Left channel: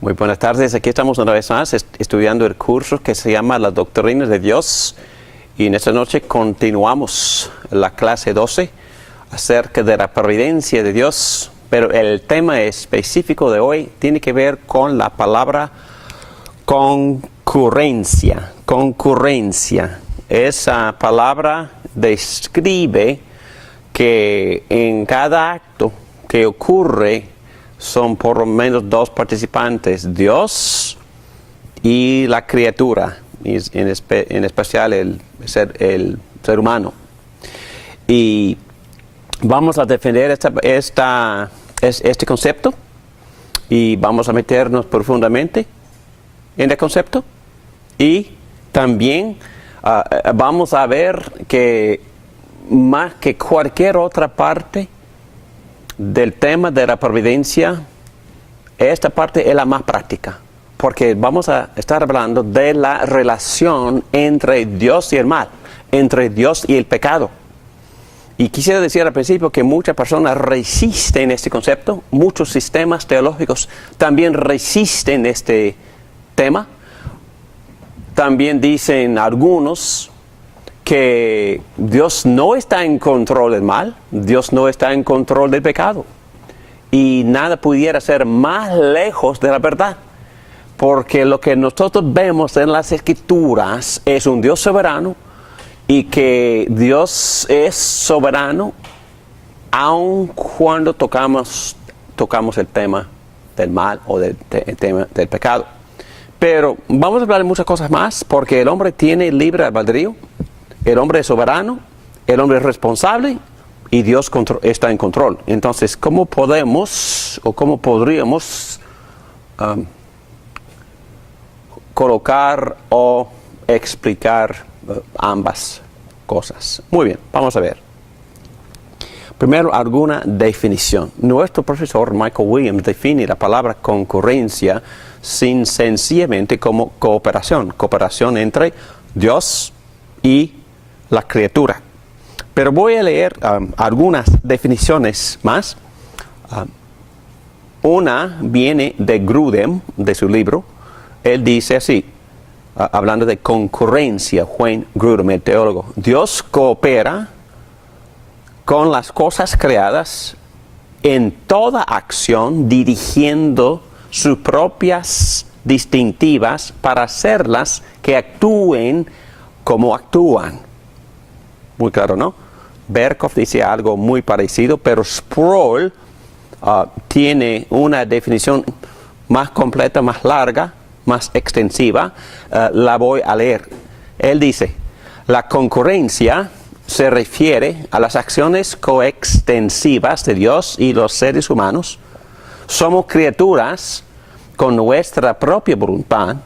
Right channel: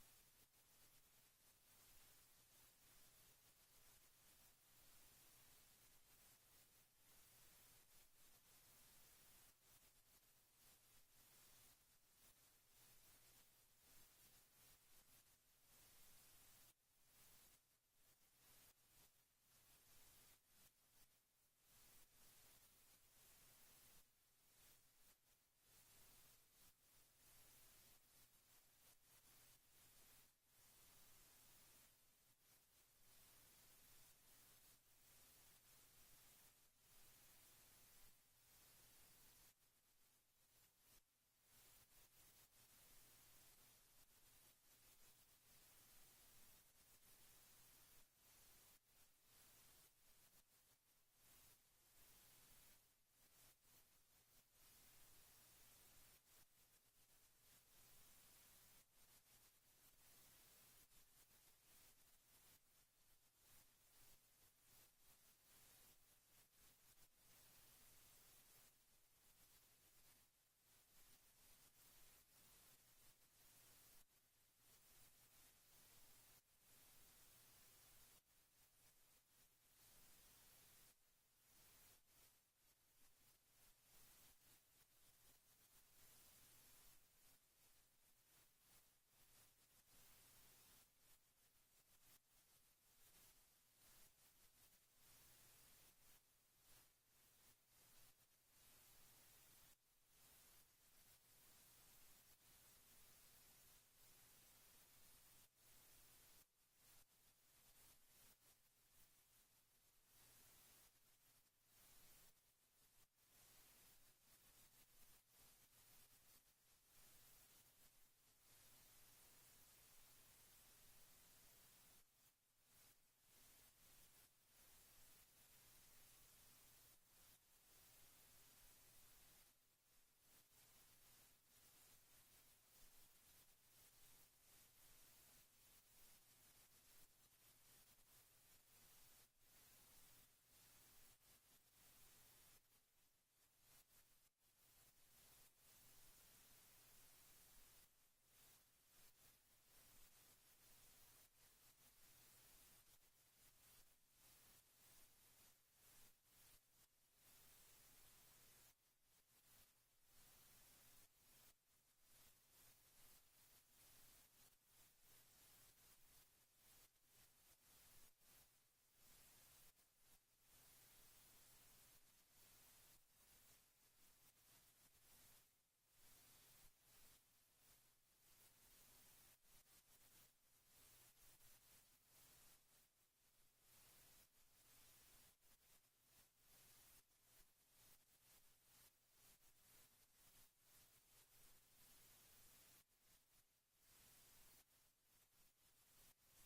Muy buenas tardes, aquí estamos una vez más estudiando el curso que se llama La Doctrina de Dios, y en esta noche continuamos la clase 12 acerca de la providencia de Dios, pero el tema específico de hoy tiene que ver con la palabra concurrencia. Concurrencia. Esa palabra describe que en cada acto que ocurre son por lo menos dos participantes, Dios y la criatura, en especial el ser humano. Y vamos a defender este concepto y vamos a meternos profundamente en el concepto. Y también vamos a ver que más que cualquier otra parte del tema de la providencia, esta parte es la más práctica, porque vamos a estar hablando de la relación entre Dios y el mal, entre Dios y el pecado. Y quisiera decir al principio que muchas personas resisten este concepto, muchos sistemas teológicos también resisten este tema. También dicen algunos que Dios no está en control del mal, Dios no está en control del pecado. Y nada pudiera ser más lejos de la verdad, porque lo que nosotros vemos en las Escrituras es un Dios soberano, y que Dios es soberano aun cuando tocamos el tema del mal o el tema del pecado. Pero vamos a hablar de muchas cosas más, porque el hombre tiene libre albedrío. El hombre es soberano, el hombre es responsable y Dios está en control. Entonces, ¿cómo podemos o cómo podríamos colocar o explicar ambas cosas? Muy bien, vamos a ver. Primero, alguna definición. Nuestro profesor Michael Williams define la palabra concurrencia sencillamente como cooperación entre Dios y la criatura. Pero voy a leer algunas definiciones más. Una viene de Grudem, de su libro. Él dice así, hablando de concurrencia, Wayne Grudem, el teólogo: Dios coopera con las cosas creadas en toda acción, dirigiendo sus propias distintivas para hacerlas que actúen como actúan. Muy claro, ¿no? Berkhoff dice algo muy parecido, pero Sproul tiene una definición más completa, más larga, más extensiva. La voy a leer. Él dice: la concurrencia se refiere a las acciones coextensivas de Dios y los seres humanos. Somos criaturas con nuestra propia voluntad.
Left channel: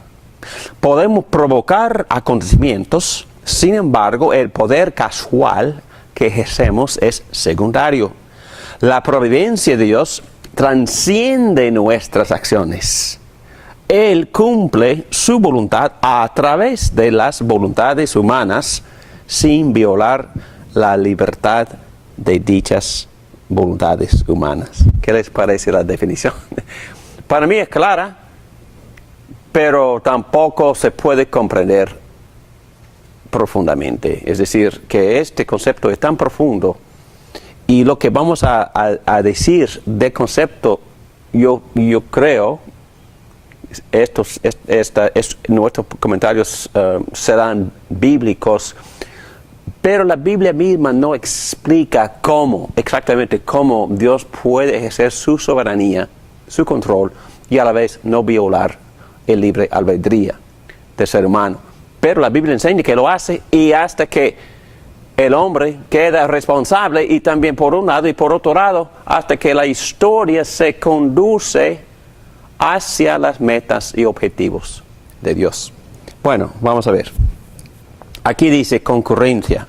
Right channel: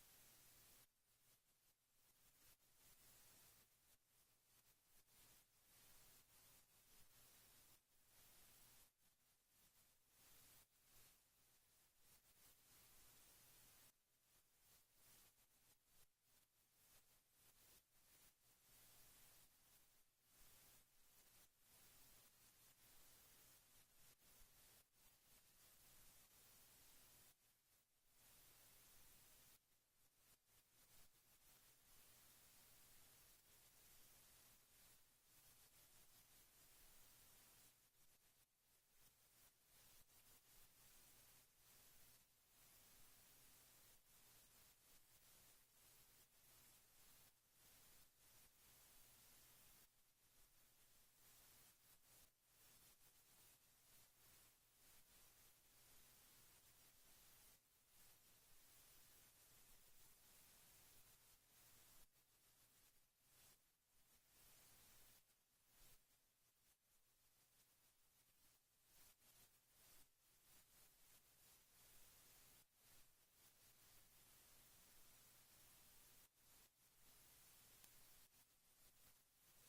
Podemos provocar acontecimientos. Sin embargo, el poder casual que ejercemos es secundario. La providencia de Dios trasciende nuestras acciones. Él cumple su voluntad a través de las voluntades humanas sin violar la libertad de dichas voluntades humanas. ¿Qué les parece la definición? Para mí es clara, pero tampoco se puede comprender profundamente. Es decir, que este concepto es tan profundo, y lo que vamos a decir del concepto, yo creo, nuestros comentarios serán bíblicos, pero la Biblia misma no explica exactamente cómo Dios puede ejercer su soberanía, su control, y a la vez no violar el libre albedrío del ser humano. Pero la Biblia enseña que lo hace, y hasta que el hombre queda responsable, y también por un lado y por otro lado, hasta que la historia se conduce hacia las metas y objetivos de Dios. Bueno, vamos a ver. Aquí dice concurrencia.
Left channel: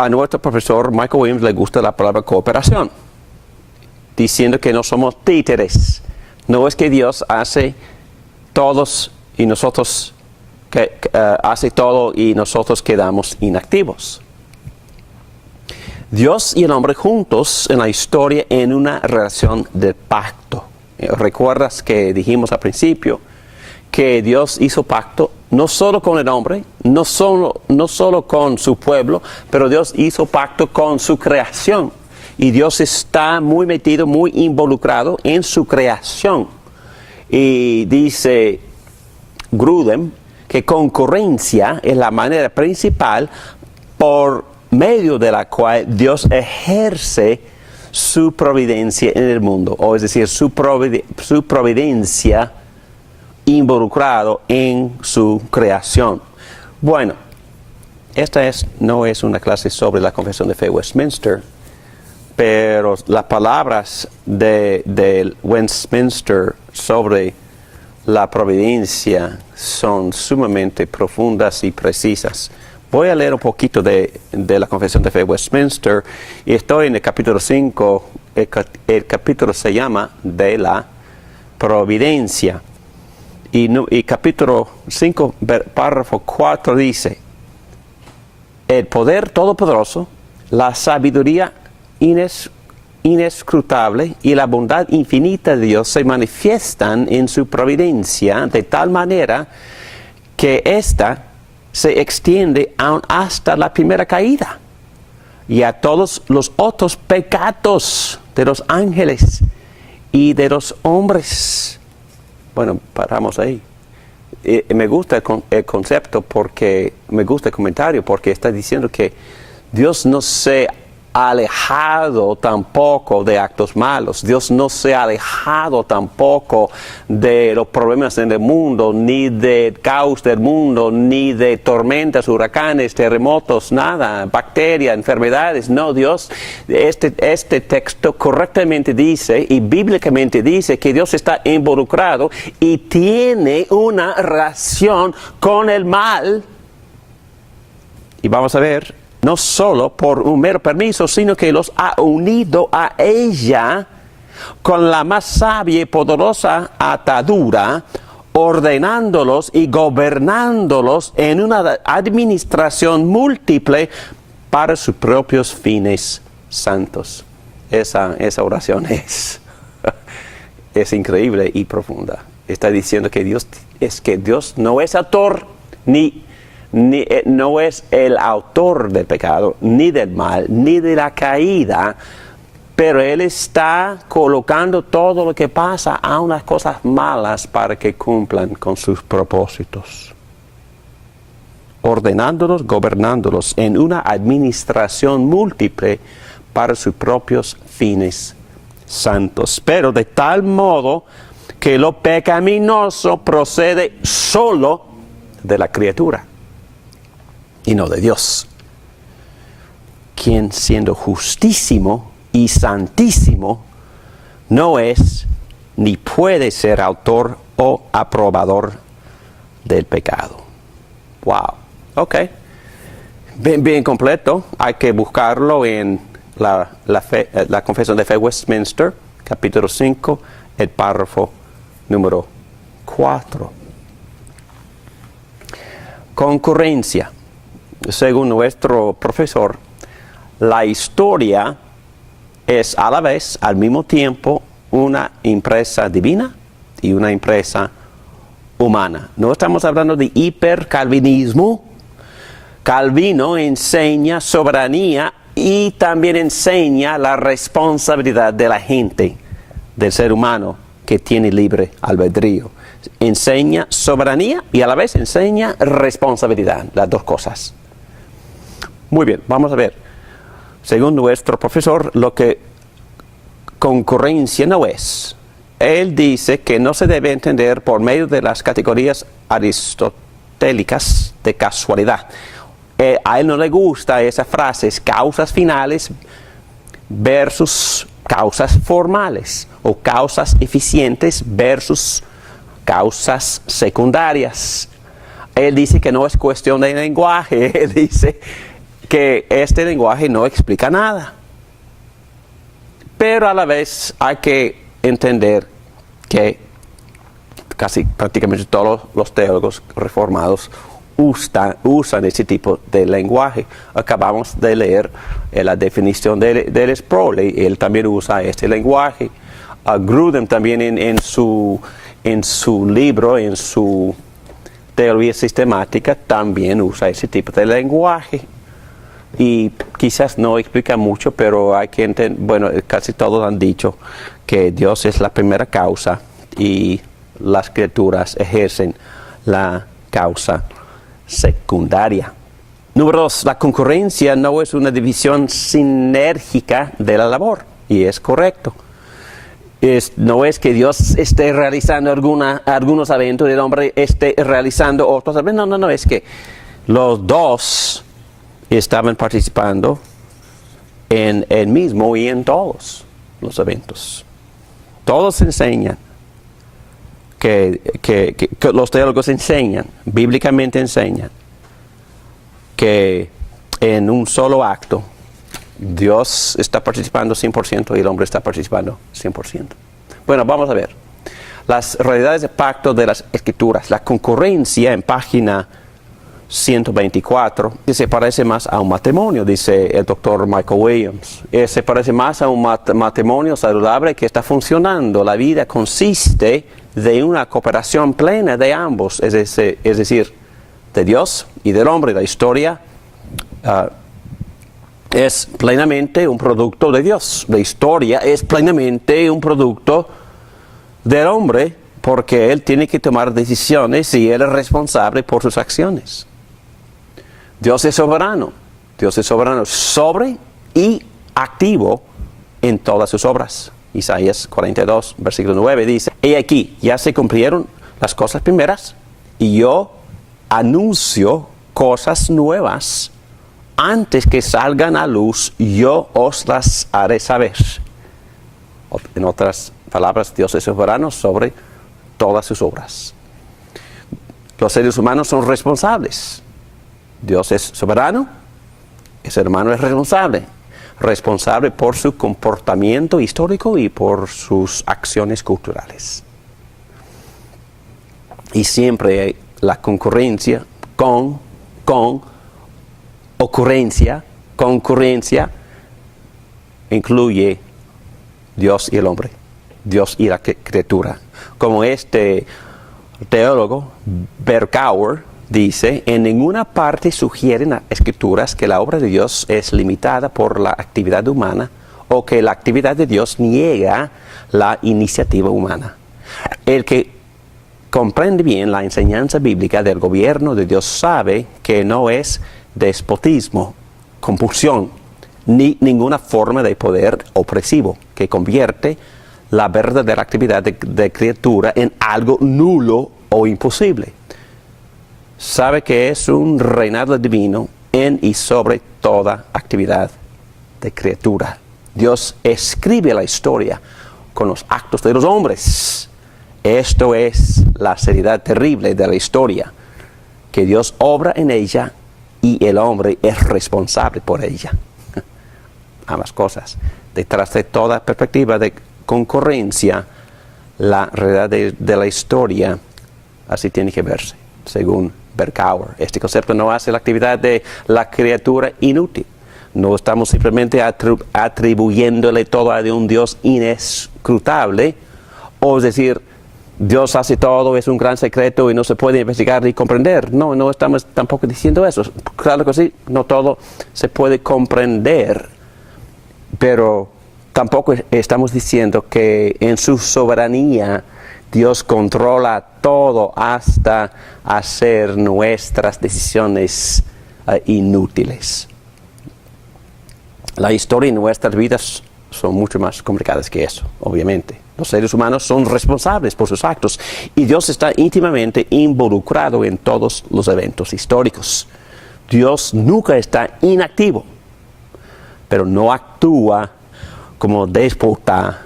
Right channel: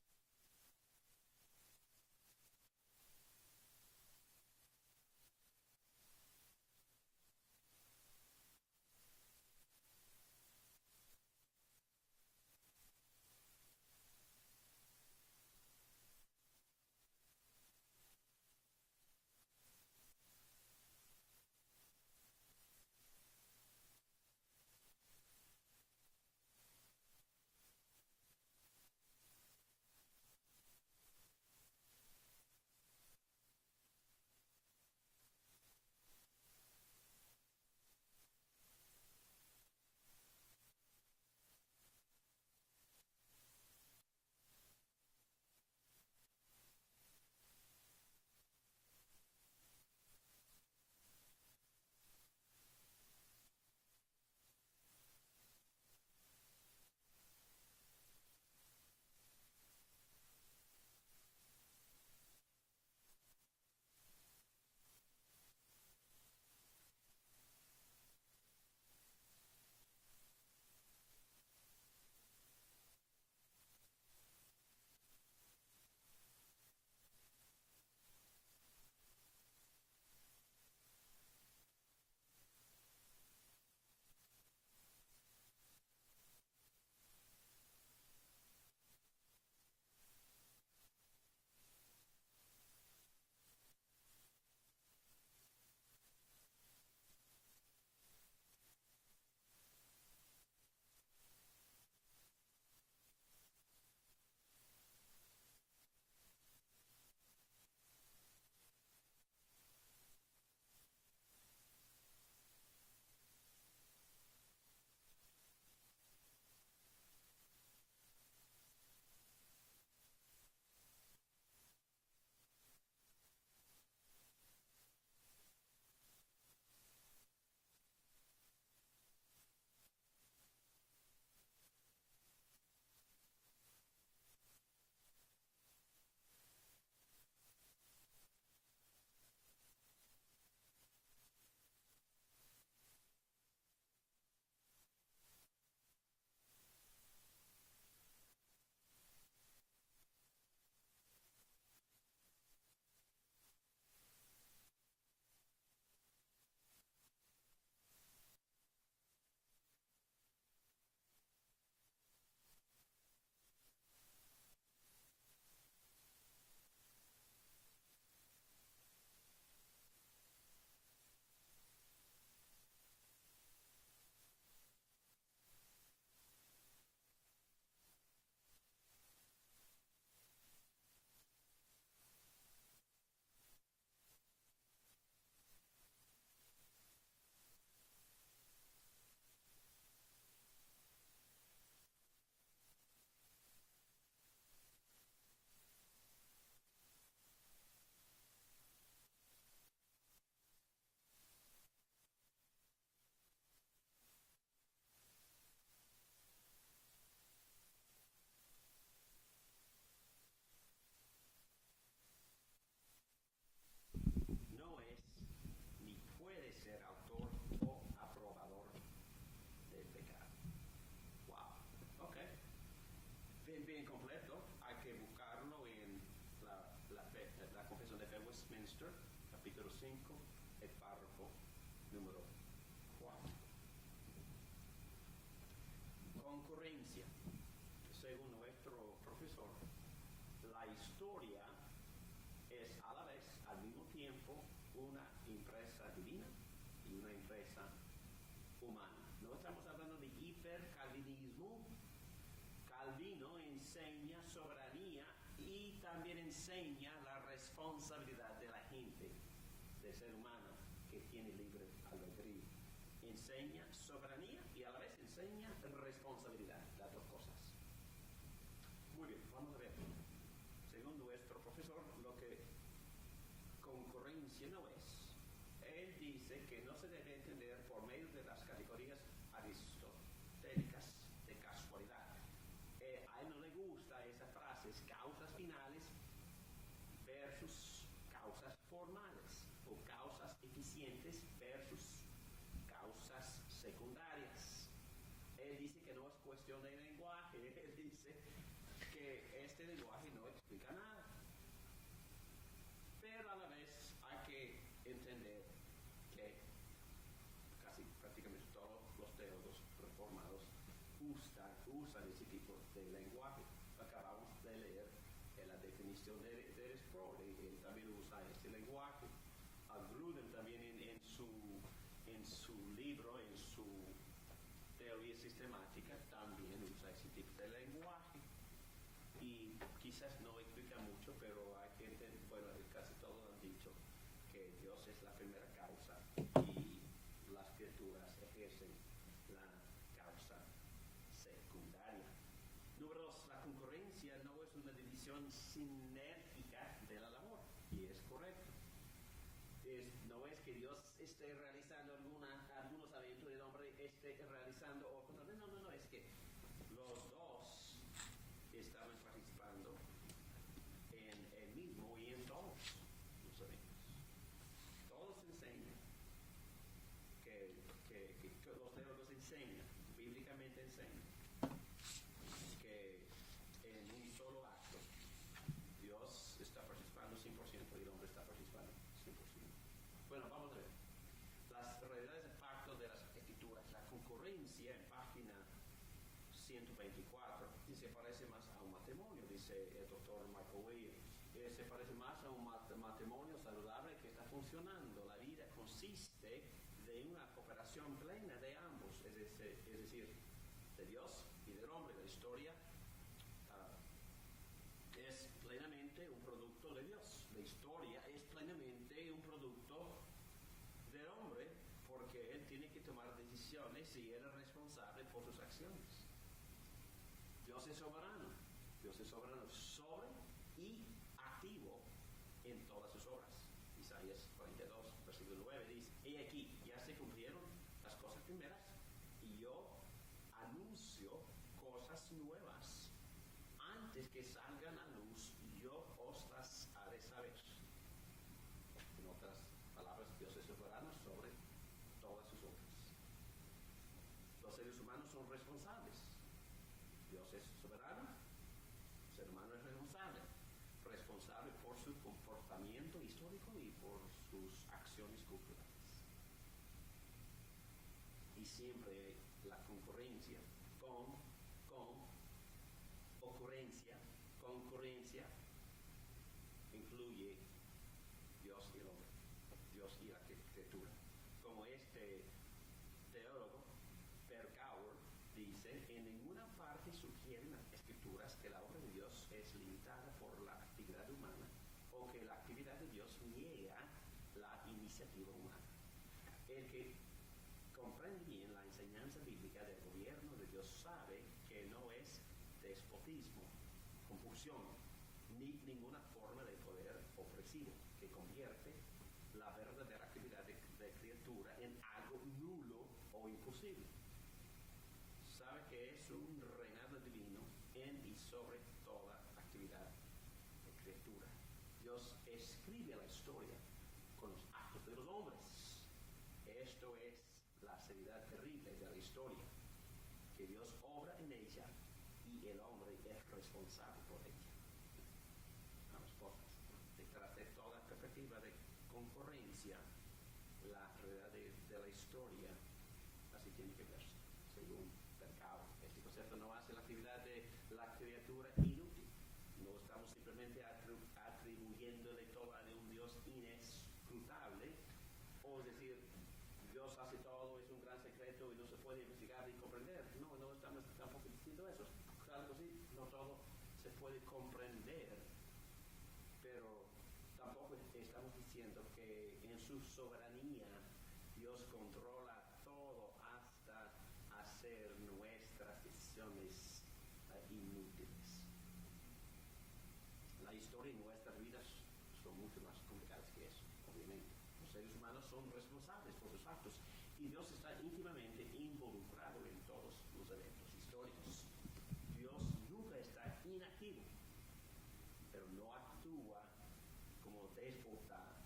a nuestro profesor Michael Williams le gusta la palabra cooperación, diciendo que no somos títeres. No es que Dios hace todos y nosotros hace todo y nosotros quedamos inactivos. Dios y el hombre juntos en la historia en una relación de pacto. ¿Recuerdas que dijimos al principio que Dios hizo pacto no solo con el hombre, no solo con su pueblo, pero Dios hizo pacto con su creación? Y Dios está muy metido, muy involucrado en su creación. Y dice Grudem que concurrencia es la manera principal por medio de la cual Dios ejerce su providencia en el mundo, o es decir, su providencia involucrado en su creación. Bueno, esta no es una clase sobre la Confesión de Fe Westminster, pero las palabras de Westminster sobre la providencia son sumamente profundas y precisas. Voy a leer un poquito de la Confesión de Fe Westminster y estoy en el capítulo 5, el capítulo se llama de la providencia. Y capítulo 5, párrafo 4 dice: el poder todopoderoso, la sabiduría inescrutable y la bondad infinita de Dios se manifiestan en su providencia de tal manera que ésta se extiende aún hasta la primera caída y a todos los otros pecados de los ángeles y de los hombres. Bueno, paramos ahí. Me gusta el concepto porque me gusta el comentario porque está diciendo que Dios no se ha alejado tampoco de actos malos. Dios no se ha alejado tampoco de los problemas en el mundo, ni del caos del mundo, ni de tormentas, huracanes, terremotos, nada, bacterias, enfermedades. No, Dios, este texto correctamente dice y bíblicamente dice que Dios está involucrado y tiene una relación con el mal. Y vamos a ver, no solo por un mero permiso, sino que los ha unido a ella con la más sabia y poderosa atadura, ordenándolos y gobernándolos en una administración múltiple para sus propios fines santos. Esa oración es increíble y profunda. Está diciendo que Dios no es autor no es el autor del pecado, ni del mal, ni de la caída, pero Él está colocando todo lo que pasa a unas cosas malas para que cumplan con sus propósitos. Ordenándolos, gobernándolos en una administración múltiple para sus propios fines santos. Pero de tal modo que lo pecaminoso procede solo de la criatura y no de Dios, quien siendo justísimo y santísimo no es ni puede ser autor o aprobador del pecado. Wow, ok, bien completo. Hay que buscarlo en la Confesión de Fe Westminster, capítulo 5, el párrafo número 4. Concurrencia. Según nuestro profesor, la historia es a la vez, al mismo tiempo, una empresa divina y una empresa humana. No estamos hablando de hipercalvinismo. Calvino enseña soberanía y también enseña la responsabilidad de la gente, del ser humano que tiene libre albedrío. Enseña soberanía y a la vez enseña responsabilidad, las dos cosas. Muy bien, vamos a ver. Según nuestro profesor, lo que concurrencia no es. Él dice que no se debe entender por medio de las categorías aristotélicas de casualidad. A él no le gusta esa frase, causas finales versus causas formales, o causas eficientes versus causas secundarias. Él dice que no es cuestión de lenguaje, él dice que este lenguaje no explica nada. Pero a la vez hay que entender que casi prácticamente todos los teólogos reformados usan ese tipo de lenguaje. Acabamos de leer la definición del Sproul, él también usa este lenguaje. Grudem también en su libro, en su teoría sistemática, también usa ese tipo de lenguaje. Y quizás no explica mucho, pero hay que entender, bueno, casi todos han dicho que Dios es la primera causa y las criaturas ejercen la causa secundaria. Número 2, la concurrencia no es una división sinérgica de la labor, y es correcto. No es que Dios esté realizando algunos eventos y el hombre esté realizando otros eventos, no, es que los dos estaban participando en el mismo y en todos los eventos. Todos enseñan que los teólogos enseñan, bíblicamente enseñan, que en un solo acto Dios está participando 100% y el hombre está participando 100%. Bueno, vamos a ver. Las realidades de pacto de las Escrituras. La concurrencia en página 124 se parece más a un matrimonio, dice el doctor Michael Williams. Se parece más a un matrimonio saludable que está funcionando. La vida consiste de una cooperación plena de ambos, es decir, de Dios y del hombre. La historia es plenamente un producto de Dios. La historia es plenamente un producto del hombre, porque él tiene que tomar decisiones y él es responsable por sus acciones. Dios es soberano sobre y activo en todas sus obras. Isaías 42, versículo 9 dice: "He aquí, ya se cumplieron las cosas primeras, y yo anuncio cosas nuevas. Antes que salgan a luz, yo os las haré saber". En otras palabras, Dios es soberano sobre todas sus obras. Los seres humanos son responsables. Dios es soberano, el ser humano es responsable por su comportamiento histórico y por sus acciones culturales. Y siempre la concurrencia concurrencia incluye Dios y el hombre, Dios y la criatura. Como este teólogo Berkouwer dice: "En ninguna parte sugieren las Escrituras que la obra de Dios es limitada por la actividad humana o que la actividad de Dios niega la iniciativa humana. El que comprende bien la enseñanza bíblica del gobierno de Dios sabe que no es despotismo, compulsión, ni ninguna forma de poder opresivo que convierte la verdadera actividad de criatura en algo nulo o imposible. Sabe que es un reinado divino en y sobre toda actividad de criatura. Dios escribe la historia con los actos de los hombres. Esto es la seriedad terrible de la historia, que Dios obra en ella y el hombre es responsable por ella". Ambas cosas. Detrás de toda perspectiva de concurrencia, la realidad de la historia así tiene que verse, según Berkouwer. Este concepto no hace la actividad de la criatura inútil. No estamos simplemente atribuyéndole todo a un Dios inescrutable, o es decir, Dios hace todo, es un gran secreto y no se puede investigar ni comprender. No estamos tampoco diciendo eso. Claro que sí, no todo se puede comprender, pero tampoco estamos diciendo que en su soberanía Dios controla todo hasta hacer nuestras decisiones inútiles. La historia y nuestras vidas son mucho más complicadas que eso, obviamente. Los seres humanos son responsables por sus actos y Dios está íntimamente involucrado en todos los eventos históricos. Dios nunca está inactivo, pero no actúa como déspota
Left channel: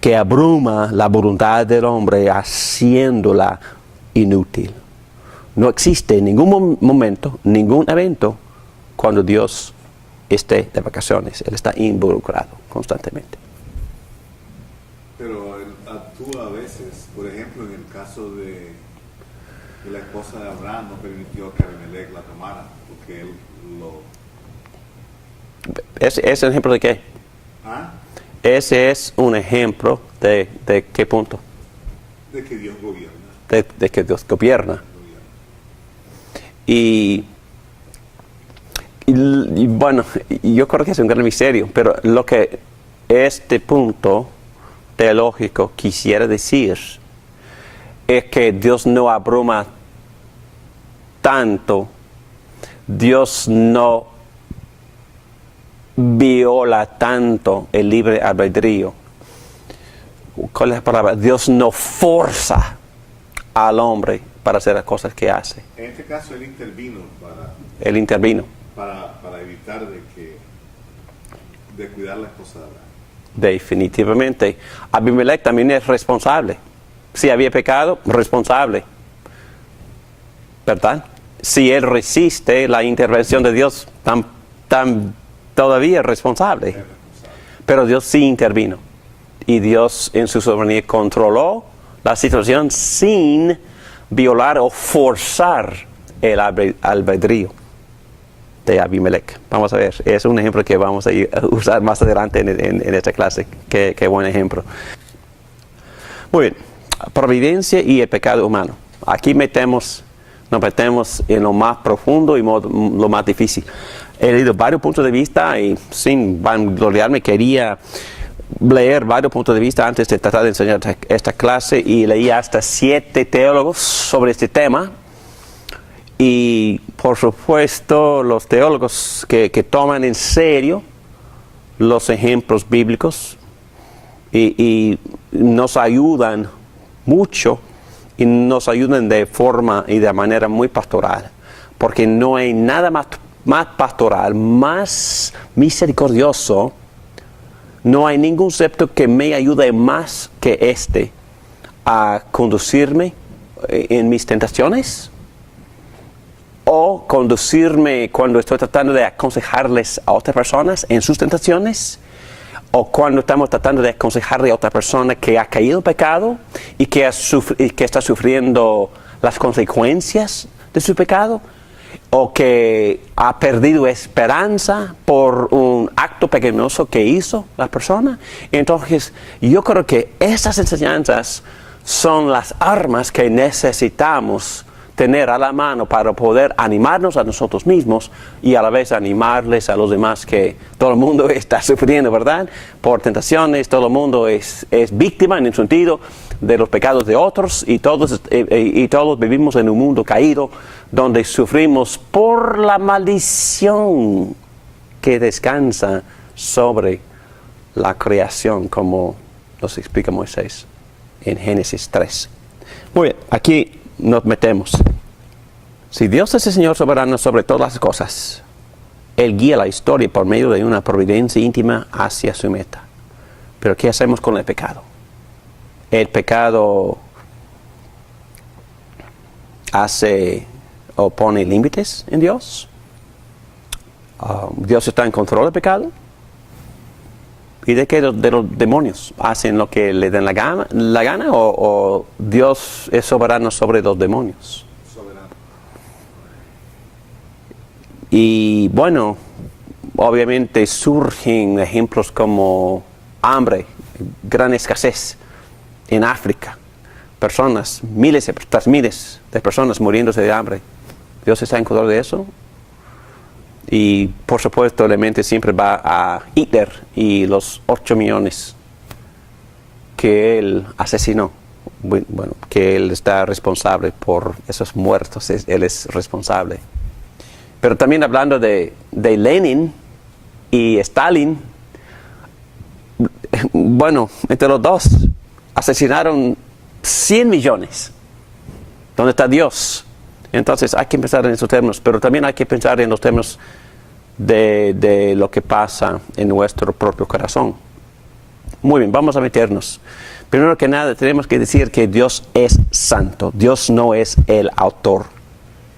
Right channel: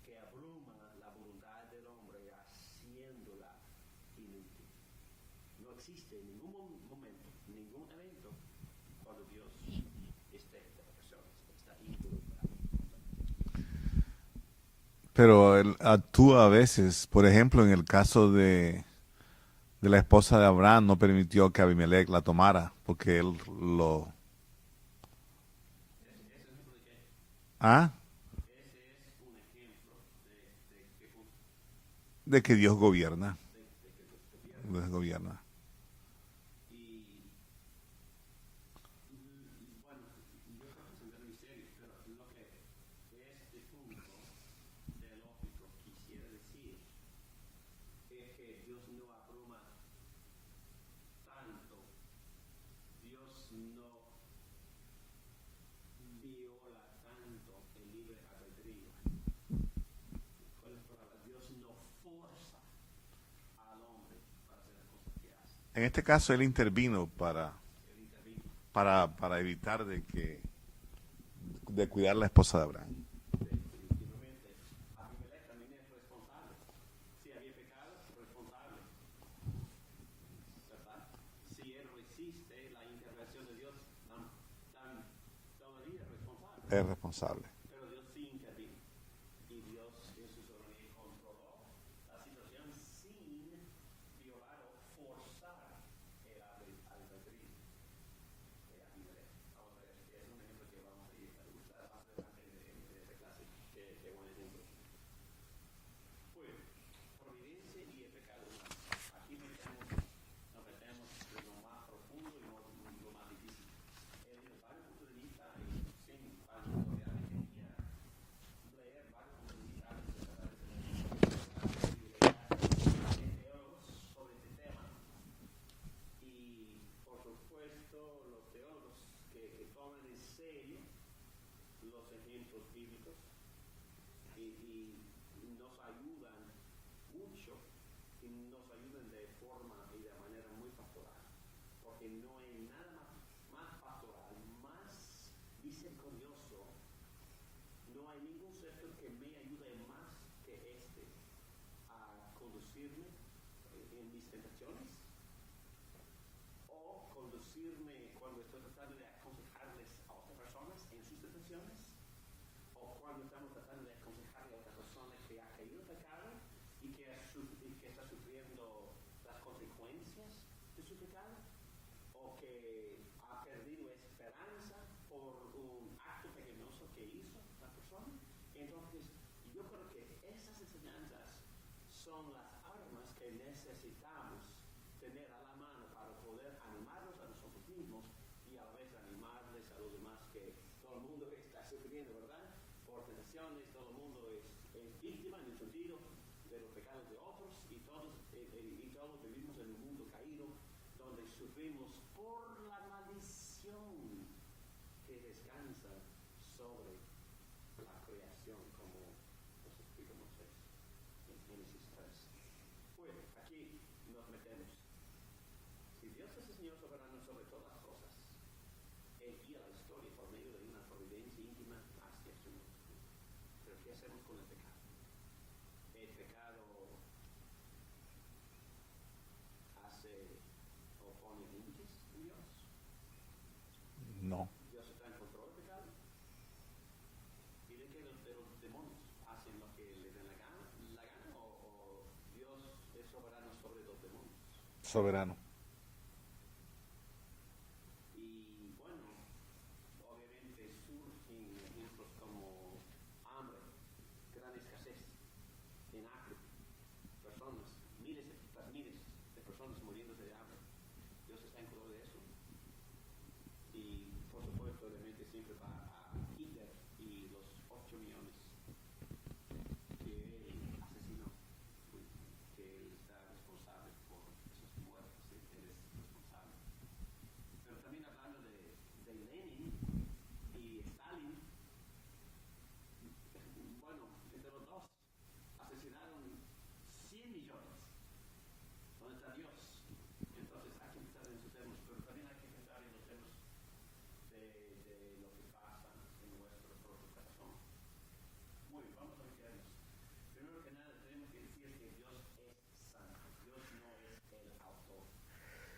que abruma la voluntad del hombre haciéndola inútil. No existe en ningún momento, ningún evento, cuando Dios esté de vacaciones, él está involucrado constantemente. Pero él actúa a veces, por ejemplo, en el caso de la esposa de Abraham, no permitió que Abimelech la tomara, porque él lo... ¿Es un ejemplo de qué? ¿Ah? Ese es un ejemplo de qué punto. De que Dios gobierna. De que Dios gobierna. Dios gobierna. Y bueno, yo creo que es un gran misterio, pero lo que este punto teológico quisiera decir es que Dios no abruma tanto, Dios no viola tanto el libre albedrío. ¿Cuál es la palabra? Dios no forza al hombre para hacer las cosas que hace. En este caso él intervino Él intervino. para evitar de cuidar la esposa de Abraham. Definitivamente. Abimelech también es responsable. Si había pecado, responsable. ¿Verdad? Si él resiste la intervención de Dios, todavía es responsable. Es responsable. Pero Dios sí intervino. Y Dios en su soberanía controló la situación sin violar o forzar el albedrío de Abimelech. Vamos a ver, es un ejemplo que vamos a usar más adelante en esta clase. Qué buen ejemplo. Muy bien, providencia y el pecado humano. Aquí nos metemos en lo más profundo y lo más difícil. He leído varios puntos de vista y sin vangloriarme quería leer varios puntos de vista antes de tratar de enseñar esta clase, y leí hasta 7 teólogos sobre este tema. Y por supuesto los teólogos que toman en serio los ejemplos bíblicos y nos ayudan mucho, y nos ayudan de forma y de manera muy pastoral, porque no hay nada más pastoral, más misericordioso. No hay ningún concepto que me ayude más que este a conducirme en mis tentaciones, o conducirme cuando estoy tratando de aconsejarles a otras personas en sus tentaciones, o cuando estamos tratando de aconsejarle a otra persona que ha caído en pecado y que está sufriendo las consecuencias de su pecado, o que ha perdido esperanza por un acto pecaminoso que hizo la persona. Entonces, yo creo que esas enseñanzas son las armas que necesitamos tener a la mano para poder animarnos a nosotros mismos y a la vez animarles a los demás, que todo el mundo está sufriendo, ¿verdad? Por tentaciones, todo el mundo es víctima en el sentido de los pecados de otros, y todos vivimos en un mundo caído donde sufrimos por la maldición que descansa sobre la creación, como nos explica Moisés en Génesis 3. Muy bien, aquí nos metemos. Si Dios es el Señor soberano sobre todas las cosas, Él guía la historia por medio de una providencia íntima hacia su meta. Pero ¿qué hacemos con el pecado? El pecado pone límites en Dios. Dios está en control del pecado. ¿Y de qué? De los demonios. ¿Hacen lo que le den la gana o Dios es soberano sobre los demonios? Soberano. Y bueno, obviamente surgen ejemplos como hambre, gran escasez en África. Personas, miles de personas muriéndose de hambre. ¿Dios está en control de eso? Y por supuesto la mente siempre va a Hitler y los 8 millones que él asesinó. Bueno, que él está responsable por esos muertos, él es responsable. Pero también hablando de Lenin y Stalin, bueno, entre los dos asesinaron 100 millones. ¿Dónde está Dios? Entonces hay que pensar en esos términos, pero también hay que pensar en los términos de lo que pasa en nuestro propio corazón. Muy bien, vamos a meternos. Primero que nada tenemos que decir que Dios es santo. Dios no es el autor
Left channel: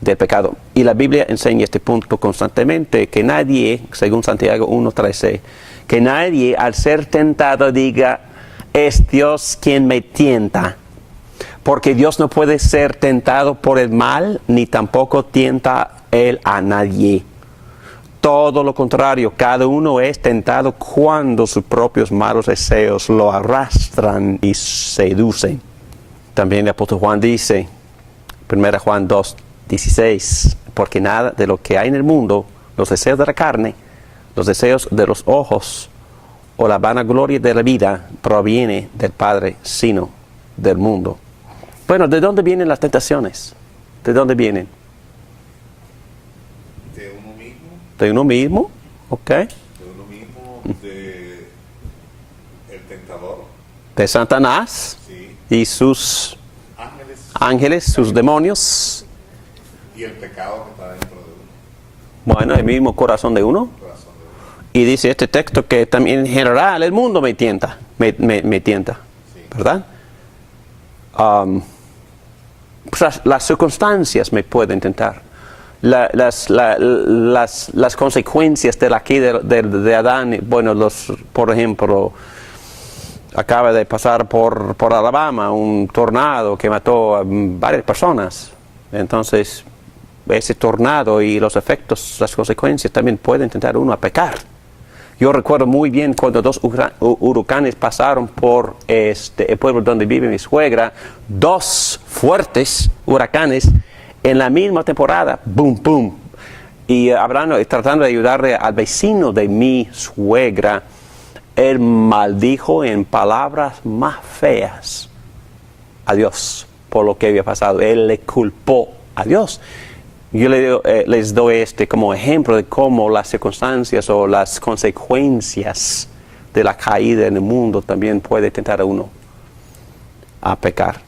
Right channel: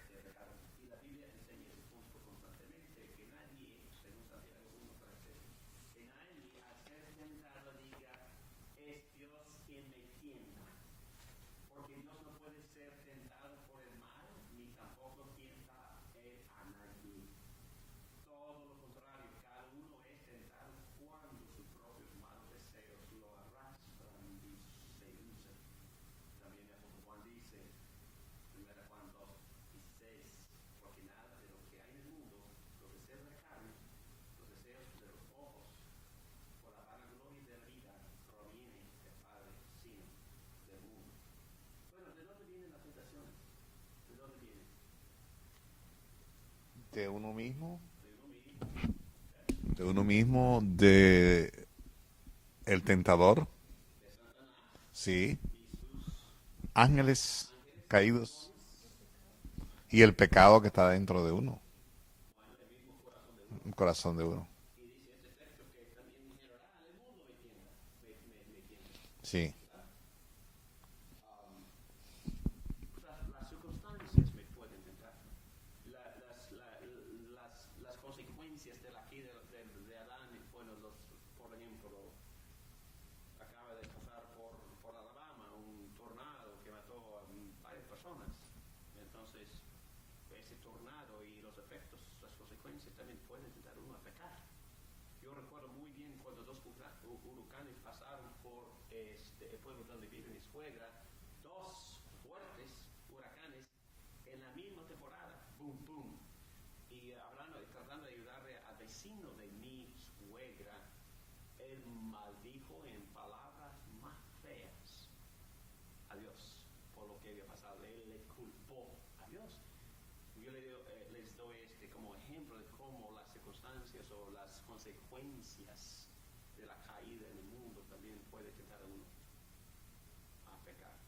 del pecado. Y la Biblia enseña este punto constantemente, que nadie, según Santiago 1:13, que nadie al ser tentado diga, es Dios quien me tienta. Porque Dios no puede ser tentado por el mal, ni tampoco tienta Él a nadie. Todo lo contrario, cada uno es tentado cuando sus propios malos deseos lo arrastran y seducen. También el apóstol Juan dice, 1 Juan 2:16, porque nada de lo que hay en el mundo, los deseos de la carne, los deseos de los ojos o la vanagloria de la vida, proviene del Padre, sino del mundo. Bueno, ¿de dónde vienen las tentaciones? ¿De dónde vienen? De uno mismo. De uno mismo, ok. De uno mismo, de el tentador. De Satanás, Sí. y sus Ángeles. ángeles, sus caídos. demonios. Y el pecado que está dentro de uno. Bueno, el mismo corazón de uno. El corazón de uno. Y dice este texto que también en general el mundo me tienta, me tienta, Sí. ¿verdad? Pues las circunstancias me pueden tentar. Las consecuencias de la caída de Adán, bueno, por ejemplo, acaba de pasar por Alabama un tornado que mató a varias personas. Entonces, ese tornado y los efectos, las consecuencias también pueden tentar a uno a pecar. Yo recuerdo muy bien cuando 2 huracanes pasaron por el pueblo donde vive mi suegra, 2 fuertes huracanes en la misma temporada, boom, boom. Y tratando de ayudarle al vecino de mi suegra, él maldijo en palabras más feas a Dios por lo que había pasado. Él le culpó a Dios. Yo les doy como ejemplo de cómo las circunstancias o las consecuencias de la caída en el mundo también puede tentar a uno a pecar.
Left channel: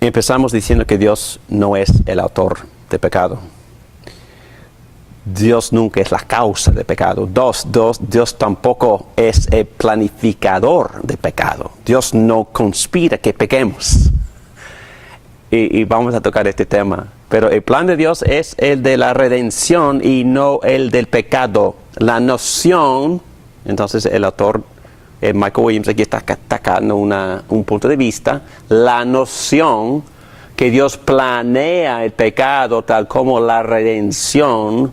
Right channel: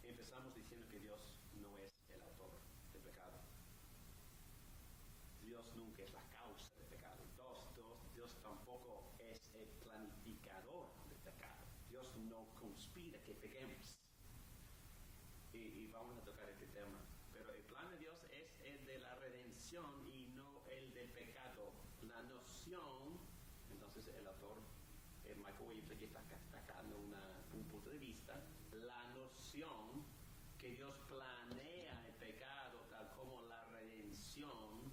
Empezamos diciendo que Dios no es el autor de pecado. Dios nunca es la causa de pecado. Dios tampoco es el planificador de pecado. Dios no conspira que pequemos. Y vamos a tocar este tema. Pero el plan de Dios es el de la redención y no el del pecado. La noción, entonces el autor, Michael Williams, aquí está atacando un punto de vista. La noción que Dios planea el pecado tal como la redención,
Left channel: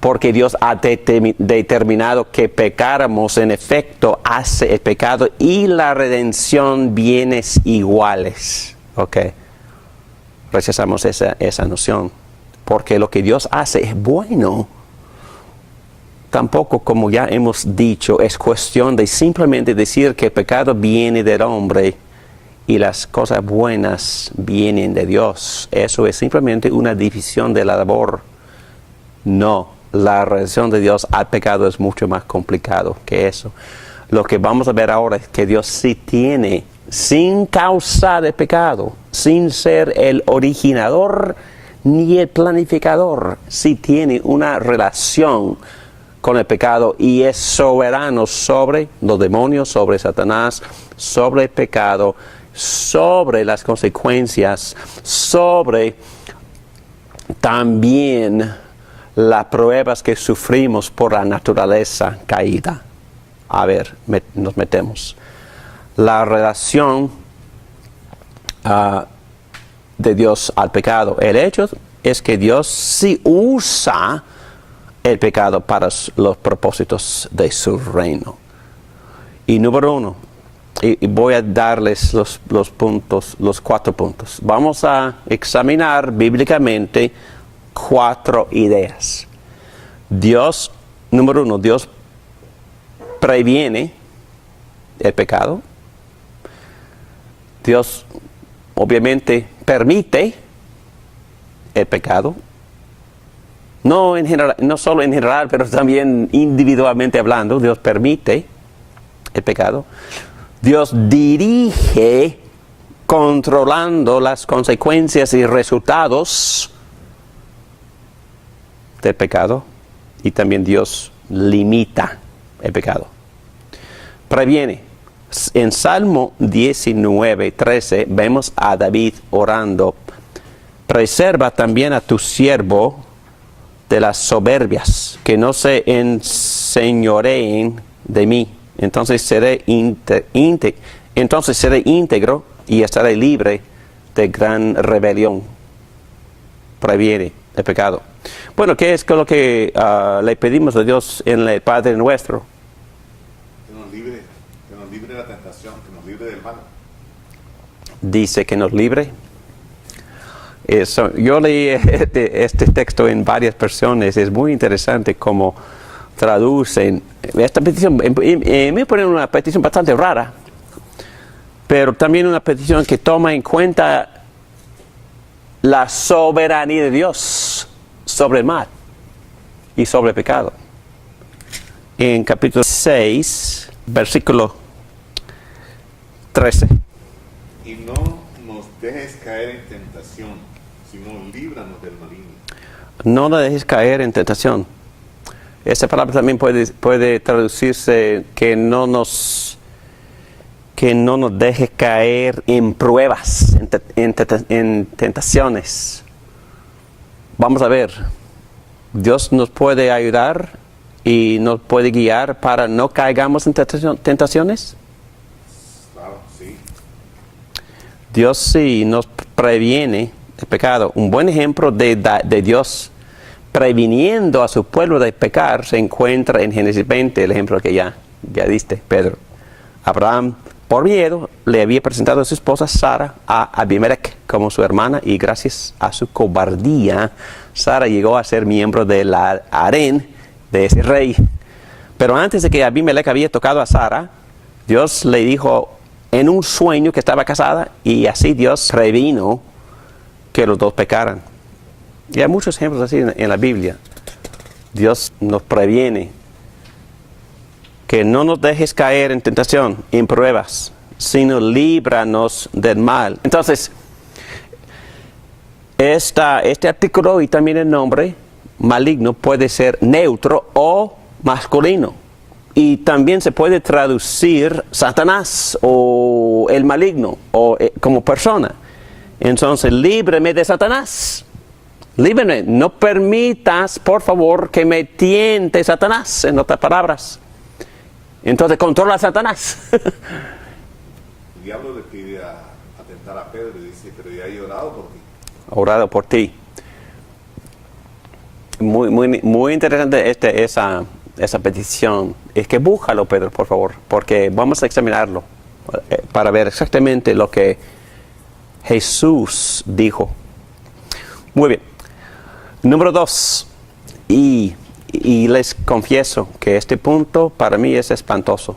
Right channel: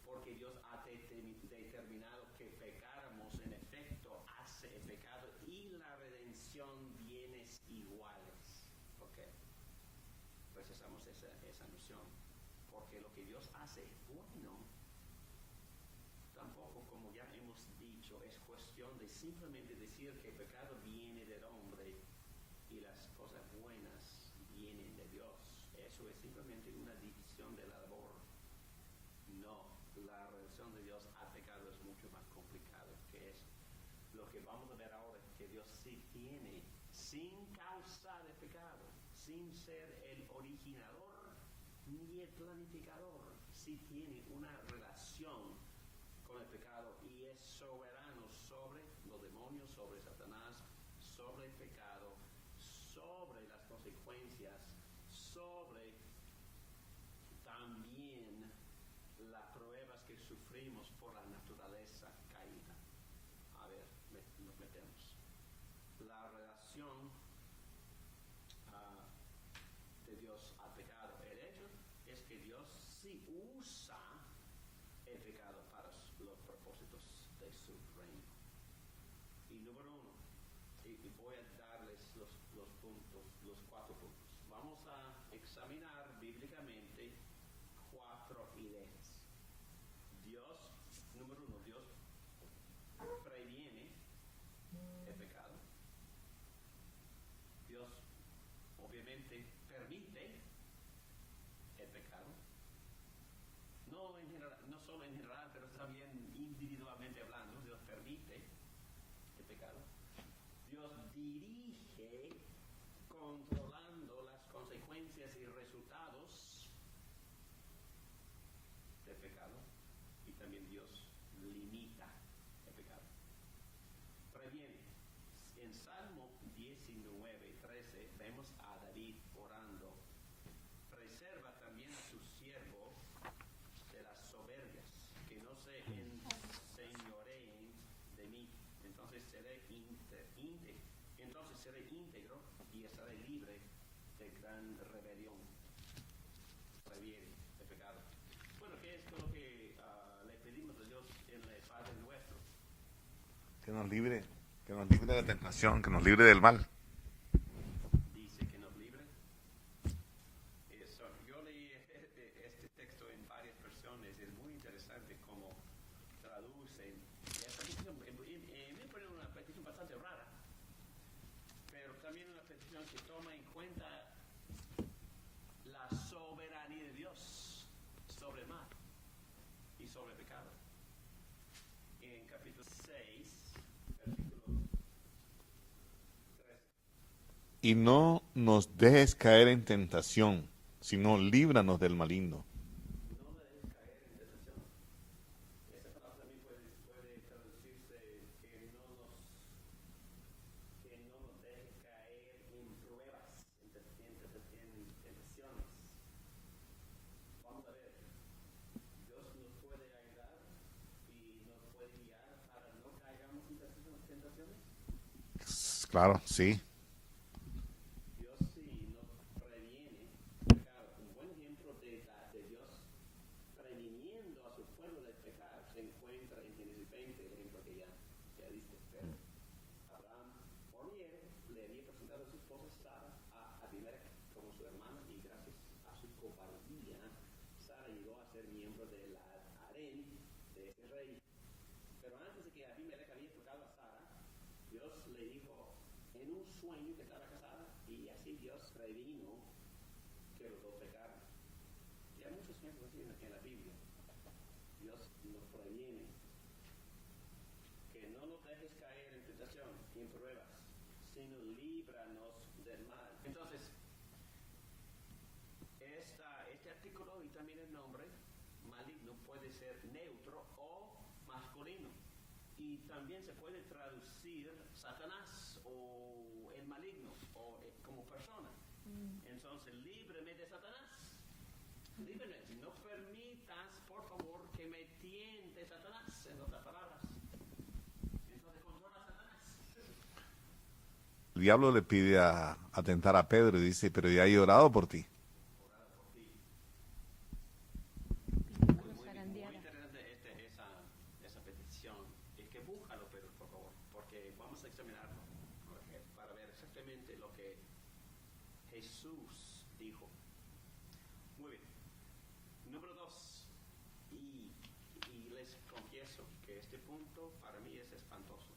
porque Dios ha determinado que pecáramos, en efecto, hace el pecado y la redención bienes iguales. Ok. Rechazamos esa noción. Porque lo que Dios hace es bueno. Tampoco, como ya hemos dicho, es cuestión de simplemente decir que el pecado viene del hombre y las cosas buenas vienen de Dios. Eso es simplemente una división de la labor. No. La relación de Dios al pecado es mucho más complicado que eso. Lo que vamos a ver ahora es que Dios sí tiene, sin causa de pecado, sin ser el originador ni el planificador, sí tiene una relación con el pecado y es soberano sobre los demonios, sobre Satanás, sobre el pecado, sobre las consecuencias, sobre también las pruebas que sufrimos por la naturaleza caída. A ver, nos metemos. La relación de Dios al pecado. El hecho es que Dios sí usa el pecado para los propósitos de su reino. Y número 1, y voy a darles los 4 puntos. Vamos a examinar bíblicamente 4 ideas. Dios, número 1, Dios previene el pecado. Dios obviamente permite el pecado. No solo en general, pero también individualmente hablando, Dios permite el pecado. Dios dirige controlando las consecuencias y resultados del pecado, y también Dios limita el pecado. Previene. En Salmo 19:13 vemos a David orando: preserva también a tu siervo de las soberbias, que no se enseñoreen de mí. Entonces seré íntegro y estaré libre de gran rebelión. Previene el pecado. Bueno, ¿qué es lo que le pedimos a Dios en el Padre Nuestro? Que nos libre de la tentación, que nos libre del mal. Dice que nos libre. Yo leí este texto en varias versiones. Es muy interesante cómo traducen esta petición. Me ponen una petición bastante rara, pero también una petición que toma en cuenta la soberanía de Dios sobre el mal y sobre el pecado. En capítulo 6, versículo 13. Y no nos dejes caer en tentación, sino líbranos del maligno. No la dejes caer en tentación. Esa palabra también puede traducirse que no nos deje caer en pruebas, en tentaciones. Vamos a ver, Dios nos puede ayudar y nos puede guiar para no caigamos en tentaciones. Claro, sí. Dios sí nos previene el pecado. Un buen ejemplo de Dios previniendo a su pueblo de pecar se encuentra en Génesis 20, el ejemplo que ya diste, Pedro. Abraham, por miedo, le había presentado a su esposa Sara a Abimelech como su hermana, y gracias a su cobardía, Sara llegó a ser miembro del harén de ese rey. Pero antes de que Abimelech había tocado a Sara, Dios le dijo en un sueño que estaba casada, y así Dios previno que los dos pecaran. Y hay muchos ejemplos así en la Biblia. Dios nos previene que no nos dejes caer en tentación, en pruebas, sino líbranos del mal. Entonces, este artículo y también el nombre maligno puede ser neutro o masculino. Y también se puede traducir Satanás o el maligno o como persona. Entonces, líbreme de Satanás. Líbreme. No permitas, por favor, que me tiente Satanás, en otras palabras. Entonces, controla a Satanás. El diablo le pide a tentar a Pedro y dice: pero ya he orado por ti. Orado por ti. Muy interesante esa petición. Es que búscalo, Pedro, por favor, porque vamos a examinarlo para ver exactamente lo que Jesús dijo. Muy bien. Número 2. Y les confieso que este punto para mí es espantoso.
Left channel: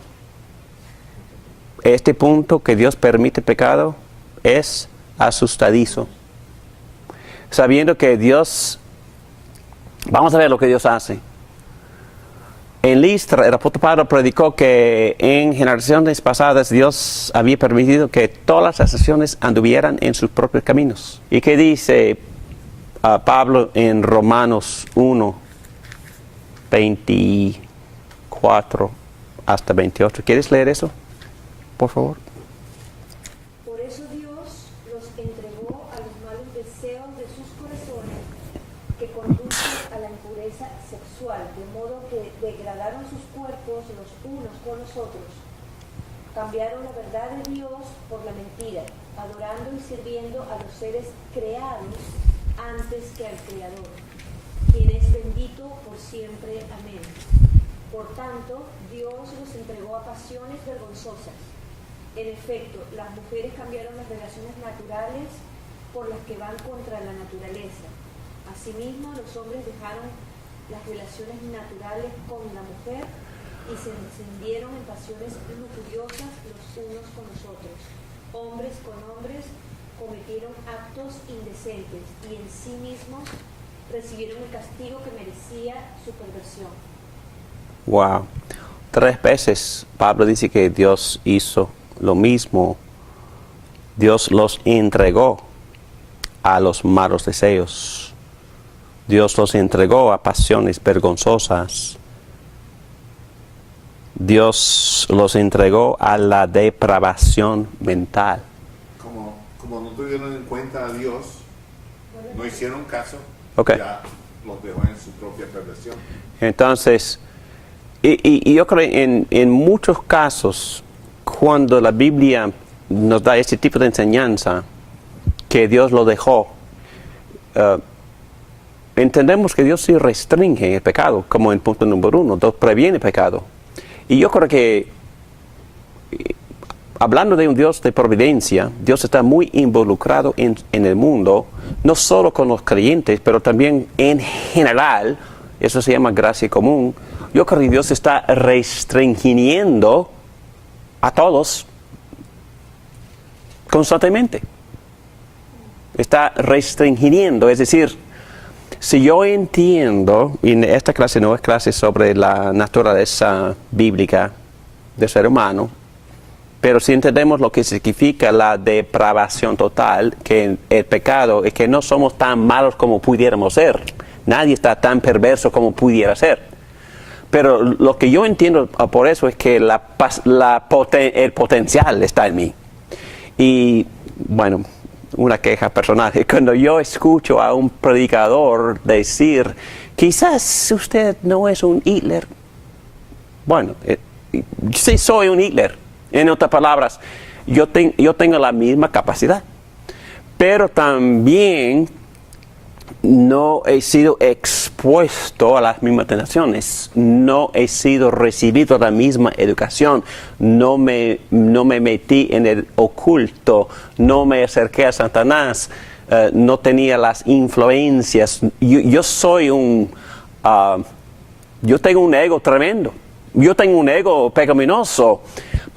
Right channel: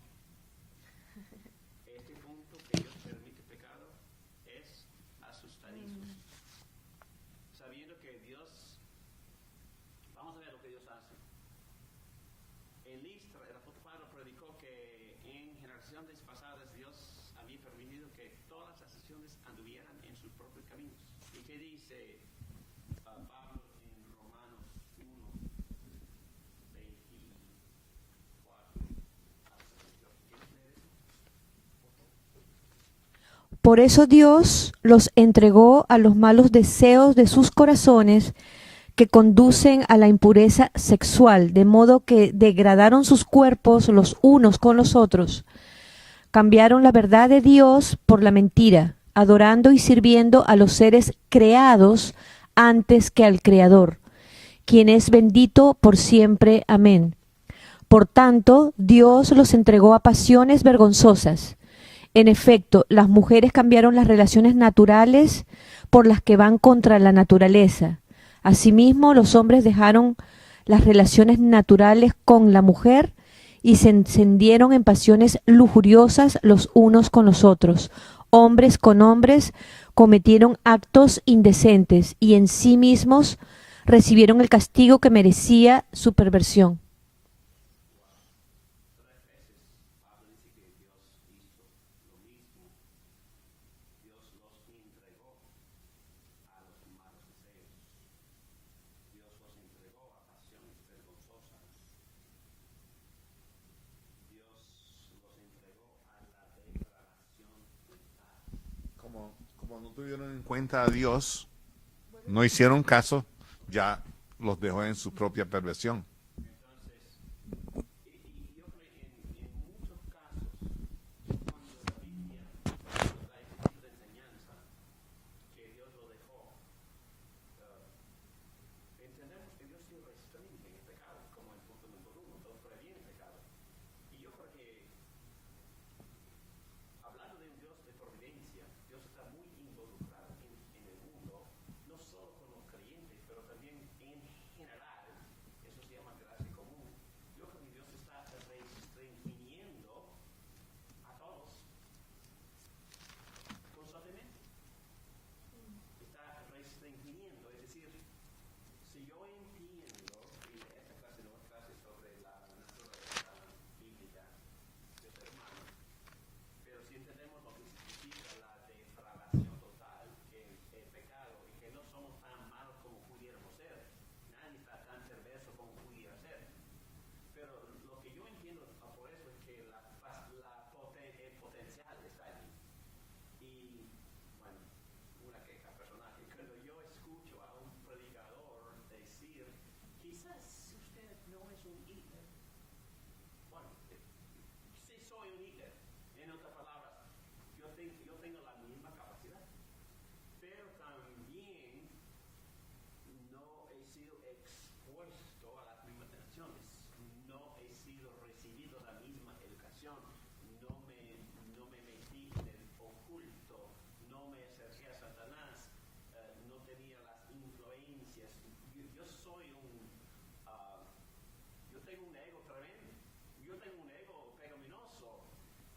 Este punto que Dios permite pecado es asustadizo. Sabiendo que Dios, vamos a ver lo que Dios hace. En Listra, el apóstol Pablo predicó que en generaciones pasadas Dios había permitido que todas las naciones anduvieran en sus propios caminos. ¿Y qué dice Pablo en Romanos 1, 24 hasta 28? ¿Quieres leer eso, por favor? Por eso Dios los entregó a los malos deseos de sus corazones, que conducen a la impureza sexual, de modo que degradaron sus cuerpos los unos con los otros. Cambiaron la verdad de Dios por la mentira, adorando y sirviendo a los seres creados antes que al Creador, quien es bendito por siempre. Amén. Por tanto, Dios los entregó a pasiones vergonzosas. En efecto, las mujeres cambiaron las relaciones naturales por las que van contra la naturaleza. Asimismo, los hombres dejaron las relaciones naturales con la mujer y se encendieron en pasiones lujuriosas los unos con los otros. Hombres con hombres cometieron actos indecentes y en sí mismos recibieron el castigo que merecía su perversión. Wow. 3 veces Pablo dice que Dios hizo lo mismo. Dios los entregó a los malos deseos. Dios los entregó a pasiones vergonzosas. Dios los entregó a la depravación mental. Como no tuvieron en cuenta a Dios, no hicieron caso, Ok. ya los dejó en su propia perversión. Entonces, y yo creo en muchos casos, cuando la Biblia nos da este tipo de enseñanza, que Dios lo dejó, entendemos que Dios sí restringe el pecado, como en punto número 1, 2, previene el pecado. Y yo creo que, hablando de un Dios de providencia, Dios está muy involucrado en el mundo, no solo con los creyentes, pero también en general. Eso se llama gracia común. Yo creo que Dios está restringiendo a todos constantemente. Está restringiendo, es decir, si yo entiendo, y esta clase no es clase sobre la naturaleza bíblica del ser humano, pero si entendemos lo que significa la depravación total, que el pecado es que no somos tan malos como pudiéramos ser. Nadie está tan perverso como pudiera ser. Pero lo que yo entiendo por eso es que el potencial está en mí. Y bueno, una queja personal. Cuando yo escucho a un predicador decir, quizás usted no es un Hitler. Bueno, sí soy un Hitler. En otras palabras, yo tengo la misma capacidad. Pero también no he sido expuesto a las mismas tentaciones, no he sido recibido la misma educación, no me metí en el oculto, no me acerqué a Satanás, no tenía las influencias. Yo tengo un ego tremendo, yo tengo un ego pecaminoso,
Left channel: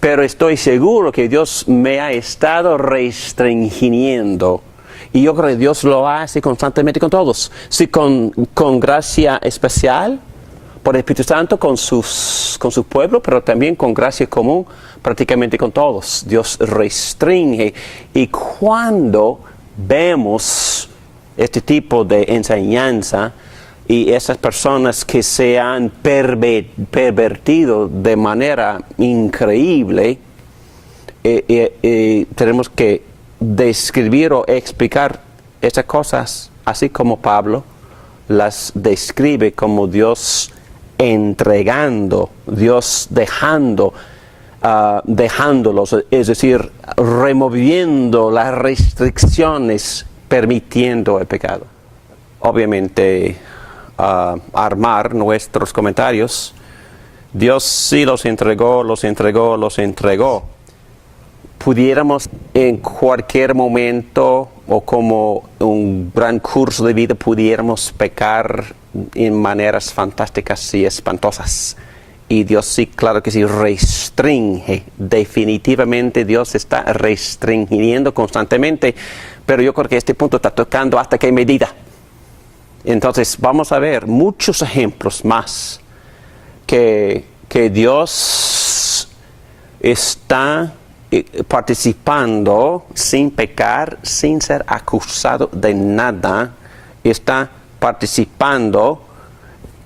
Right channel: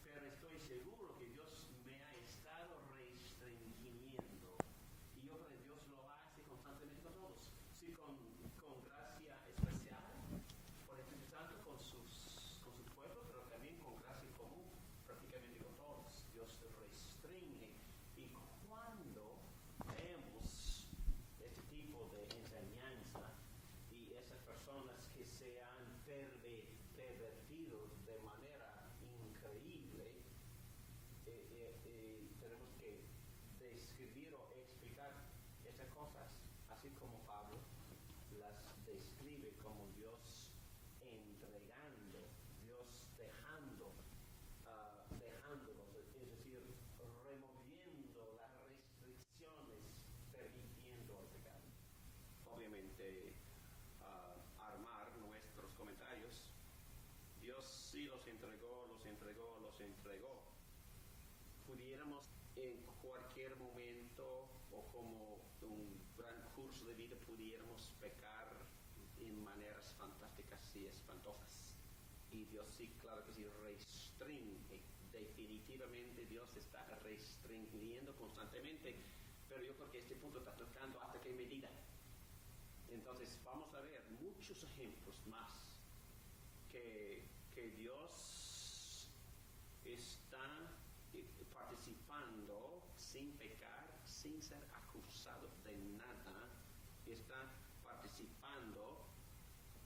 pero estoy seguro que Dios me ha estado restringiendo. Y yo creo que Dios lo hace constantemente con todos. Sí, con gracia especial por el Espíritu Santo con su pueblo, pero también con gracia común prácticamente con todos. Dios restringe. Y cuando vemos este tipo de enseñanza y esas personas que se han pervertido de manera increíble, tenemos que describir o explicar esas cosas, así como Pablo las describe como Dios entregando, Dios dejándolos, es decir, removiendo las restricciones, permitiendo el pecado. Obviamente, armar nuestros comentarios, Dios sí los entregó. Pudiéramos en cualquier momento o como un gran curso de vida pudiéramos pecar en maneras fantásticas y espantosas. Y Dios sí, claro que sí, restringe. Definitivamente Dios está restringiendo constantemente. Pero yo creo que este punto está tocando hasta qué medida. Entonces vamos a ver muchos ejemplos más que Dios está participando sin pecar, sin ser acusado de nada, está participando,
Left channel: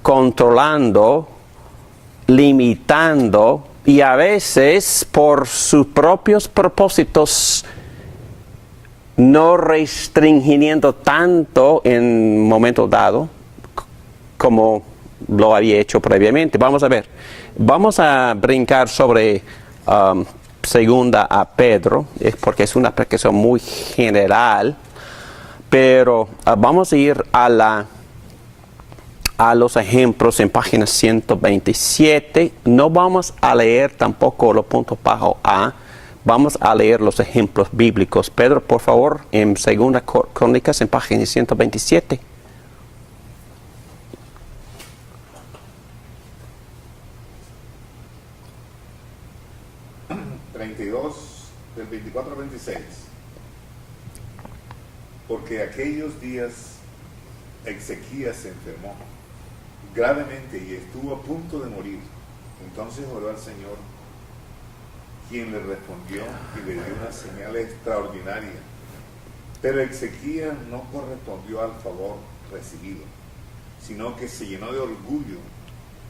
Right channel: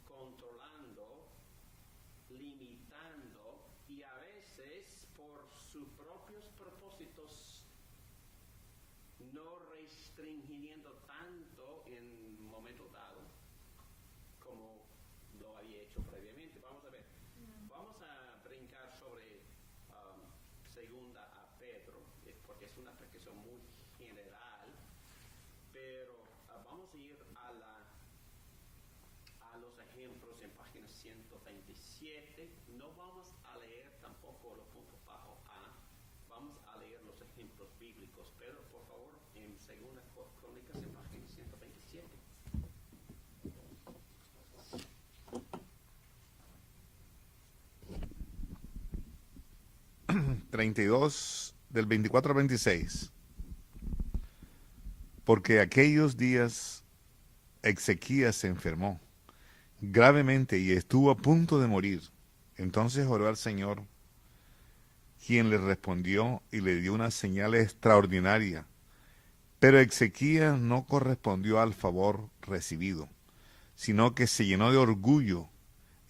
controlando, limitando y a veces por sus propios propósitos no restringiendo tanto en un momento dado como lo había hecho previamente. Vamos a ver, vamos a brincar sobre segunda a Pedro, porque es una explicación muy general, pero vamos a ir a los ejemplos en página 127. No vamos a leer tampoco los puntos bajo A, vamos a leer los ejemplos bíblicos. Pedro, por favor, en segunda Crónicas en página 127. 32 del 24 al 26. Porque aquellos días Ezequías se enfermó gravemente y estuvo a punto de morir. Entonces oró al Señor, quien le respondió y le dio una señal extraordinaria. Pero Ezequías no correspondió al favor recibido, sino que se llenó de orgullo.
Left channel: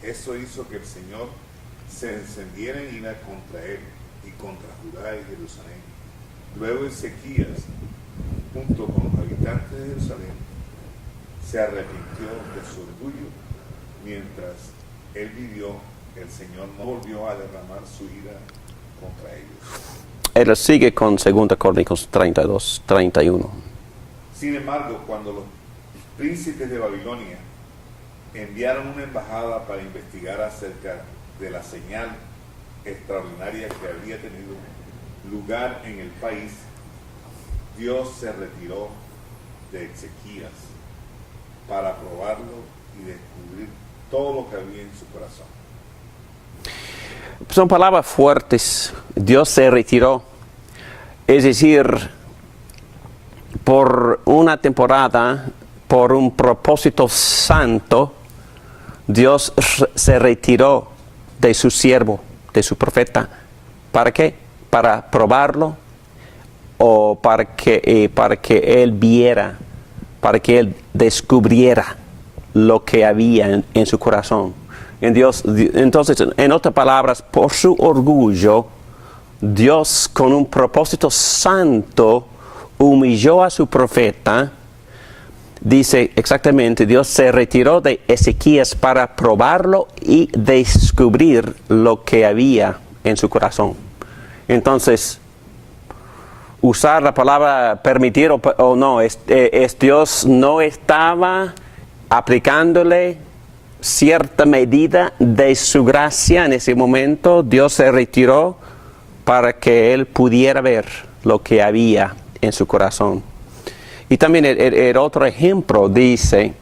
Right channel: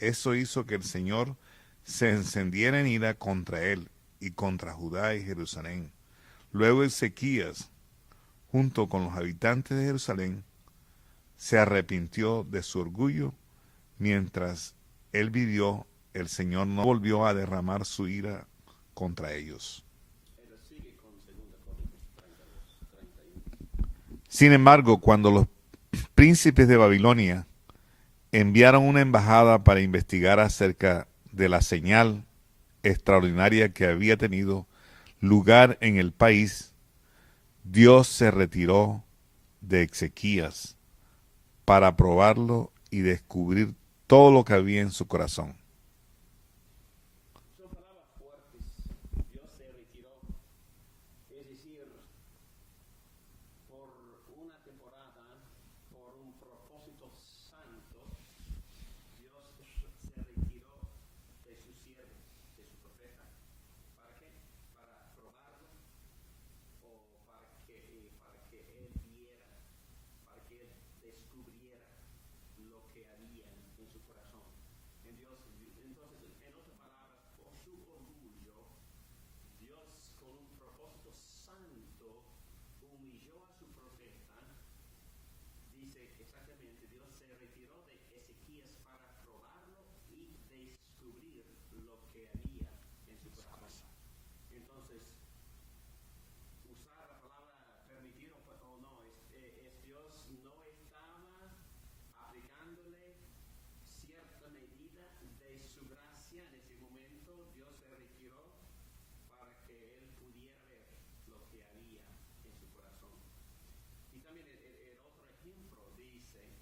Eso hizo que el Señor se encendiera en ira contra él y contra Judá y Jerusalén. Luego Ezequías, junto con los habitantes de Jerusalén, se arrepintió de su orgullo. Mientras él vivió, el Señor no volvió a derramar su ira contra ellos. Él sigue con 2 Crónicas 32, 31. Sin embargo, cuando los príncipes de Babilonia enviaron una embajada para investigar acerca de la señal extraordinaria que había tenido lugar en el país, Dios se retiró de Ezequías para probarlo y descubrir todo lo que había en su corazón. Son palabras fuertes. Dios se retiró. Es decir, por una temporada, por un propósito santo, Dios se retiró de su siervo, de su profeta. ¿Para qué? Para probarlo o para que él viera, para que él descubriera lo que había en su corazón. Entonces, en otras palabras, por su orgullo, Dios con un propósito santo humilló a su profeta. Dice exactamente, Dios se retiró de Ezequías para probarlo y descubrir lo que había en su corazón. Entonces, usar la palabra permitir o no, Dios no estaba aplicándole cierta medida de su gracia en ese momento. Dios se retiró para que él pudiera ver lo que había en su corazón. Y también el otro ejemplo dice,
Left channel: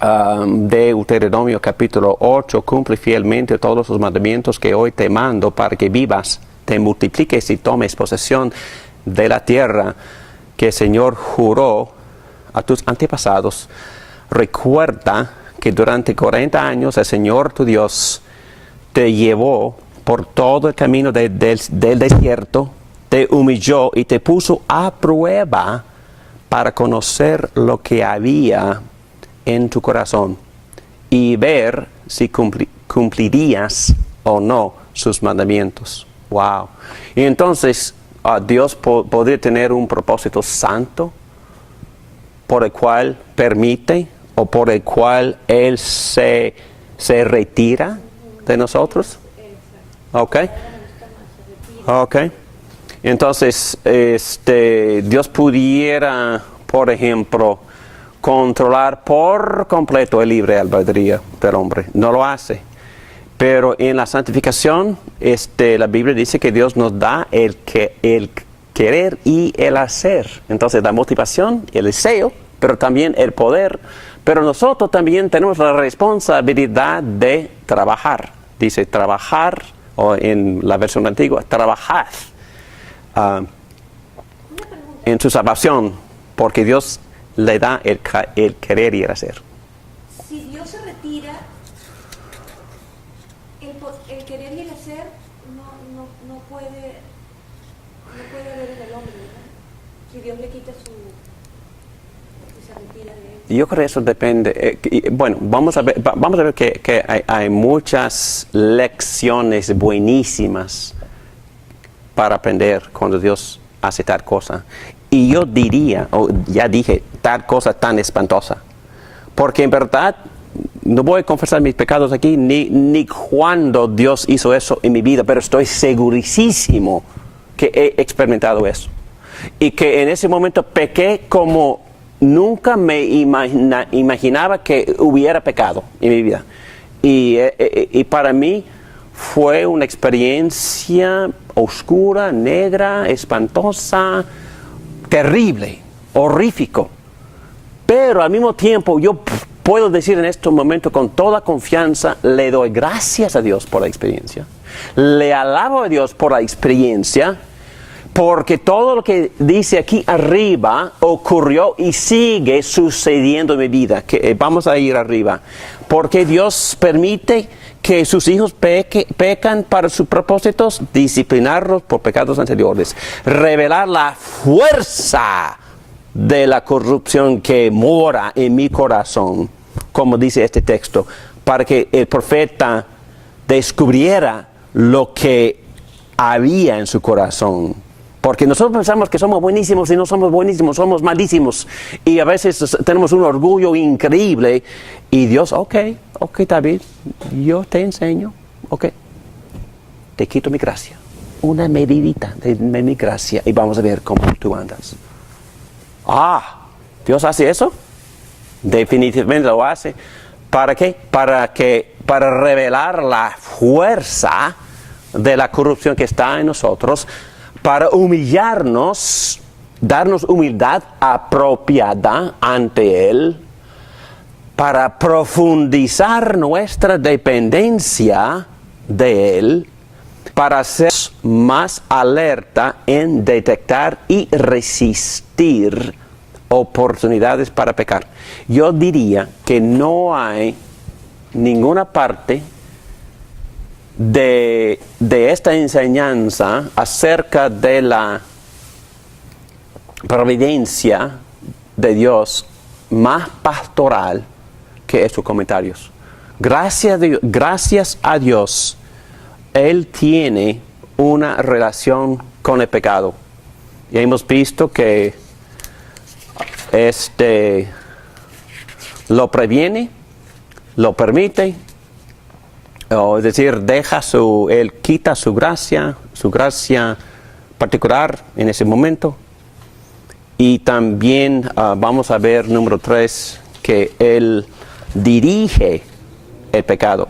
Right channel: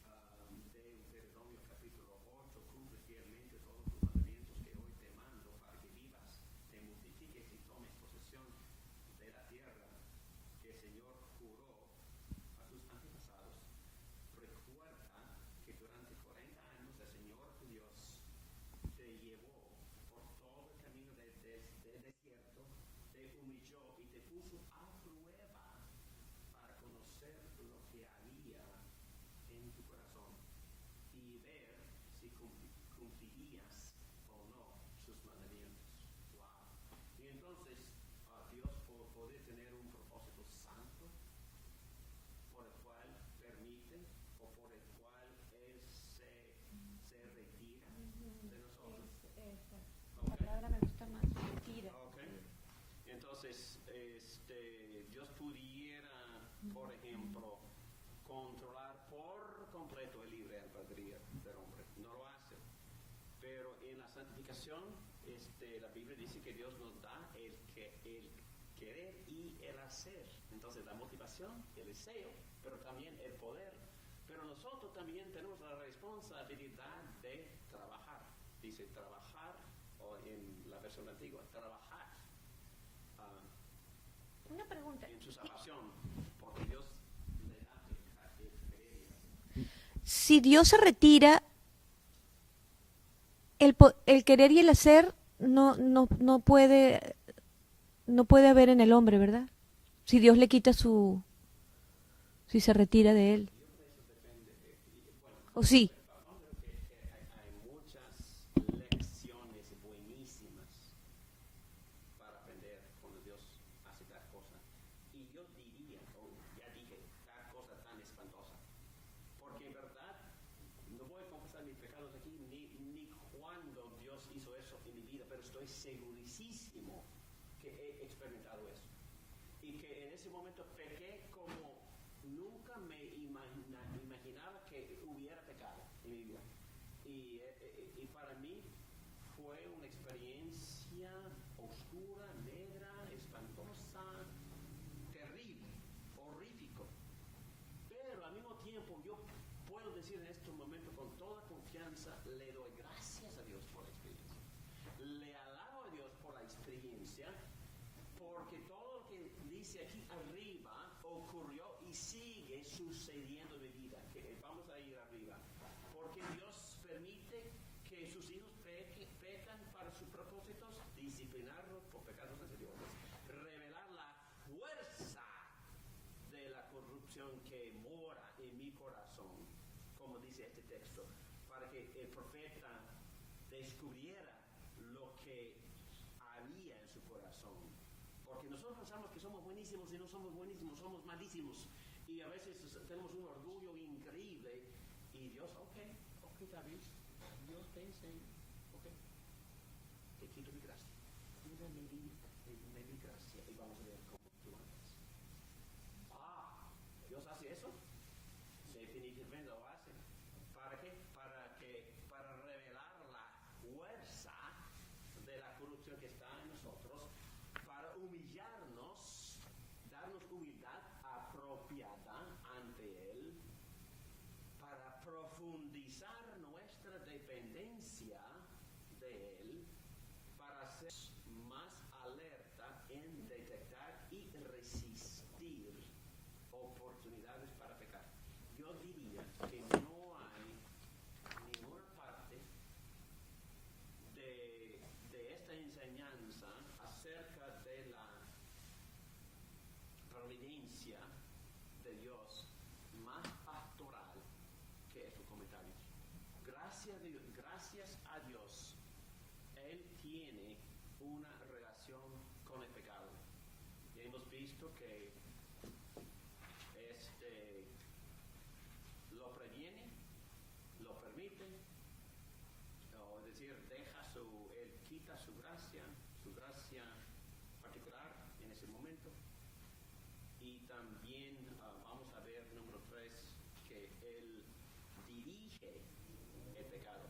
de Deuteronomio capítulo 8, cumple fielmente todos los mandamientos que hoy te mando para que vivas, te multipliques y tomes posesión de la tierra que el Señor juró a tus antepasados. Recuerda que durante 40 años el Señor tu Dios te llevó por todo el camino del desierto, te humilló y te puso a prueba para conocer lo que había en tu corazón y ver si cumplirías o no sus mandamientos. Wow. Y entonces Dios podría tener un propósito santo por el cual permite o por el cual Él se retira de nosotros. Ok. Ok. Entonces, Dios pudiera, por ejemplo, controlar por completo el libre albedrío del hombre. No lo hace. Pero en la santificación, la Biblia dice que Dios nos da el querer y el hacer. Entonces, la motivación, el deseo, pero también el poder. Pero nosotros también tenemos la responsabilidad de trabajar. Dice trabajar, o en la versión antigua, trabajad en su salvación, porque Dios le da el querer y el hacer. Si Dios se retira, el querer y el hacer no puede haber en el hombre, ¿verdad? Si Dios le quita si se retira de él. Yo creo que eso depende. Bueno, vamos a ver que hay muchas lecciones buenísimas para aprender cuando Dios hace tal cosa. Y yo diría, ya dije, tal cosa tan espantosa. Porque en verdad, no voy a confesar mis pecados aquí, ni cuando Dios hizo eso en mi vida, pero estoy segurísimo que he experimentado eso. Y que en ese momento pequé como nunca me imaginaba que hubiera pecado en mi vida. Y para mí fue una experiencia oscura, negra, espantosa, terrible, horrífico. Pero al mismo tiempo yo puedo decir en este momento con toda confianza, le doy gracias a Dios por la experiencia. Le alabo a Dios por la experiencia, porque todo lo que dice aquí arriba ocurrió y sigue sucediendo en mi vida. Vamos a ir arriba. Porque Dios permite que sus hijos pecan para sus propósitos, disciplinarlos por pecados anteriores, revelar la fuerza de la corrupción que mora en mi corazón, como dice este texto, para que el profeta descubriera lo que había en su corazón. Porque nosotros pensamos que somos buenísimos y no somos buenísimos, somos malísimos. Y a veces tenemos un orgullo increíble. Y Dios, ok, David, yo te enseño, ok. Te quito mi gracia. Una medidita de mi gracia y vamos a ver cómo tú andas. ¿Dios hace eso? Definitivamente lo hace. ¿Para qué? Para revelar la fuerza de la corrupción que está en nosotros, para humillarnos, darnos humildad apropiada ante Él, para profundizar nuestra dependencia de Él, para ser más alerta en detectar y resistir oportunidades para pecar. Yo diría que no hay ninguna parte de esta enseñanza acerca de la providencia de Dios más pastoral que estos comentarios. Gracias a Dios, Él tiene una relación con el pecado. Y hemos visto que lo previene, lo permite, es decir, Él quita su gracia particular en ese momento. Y también vamos a ver, número 3, que Él dirige el pecado.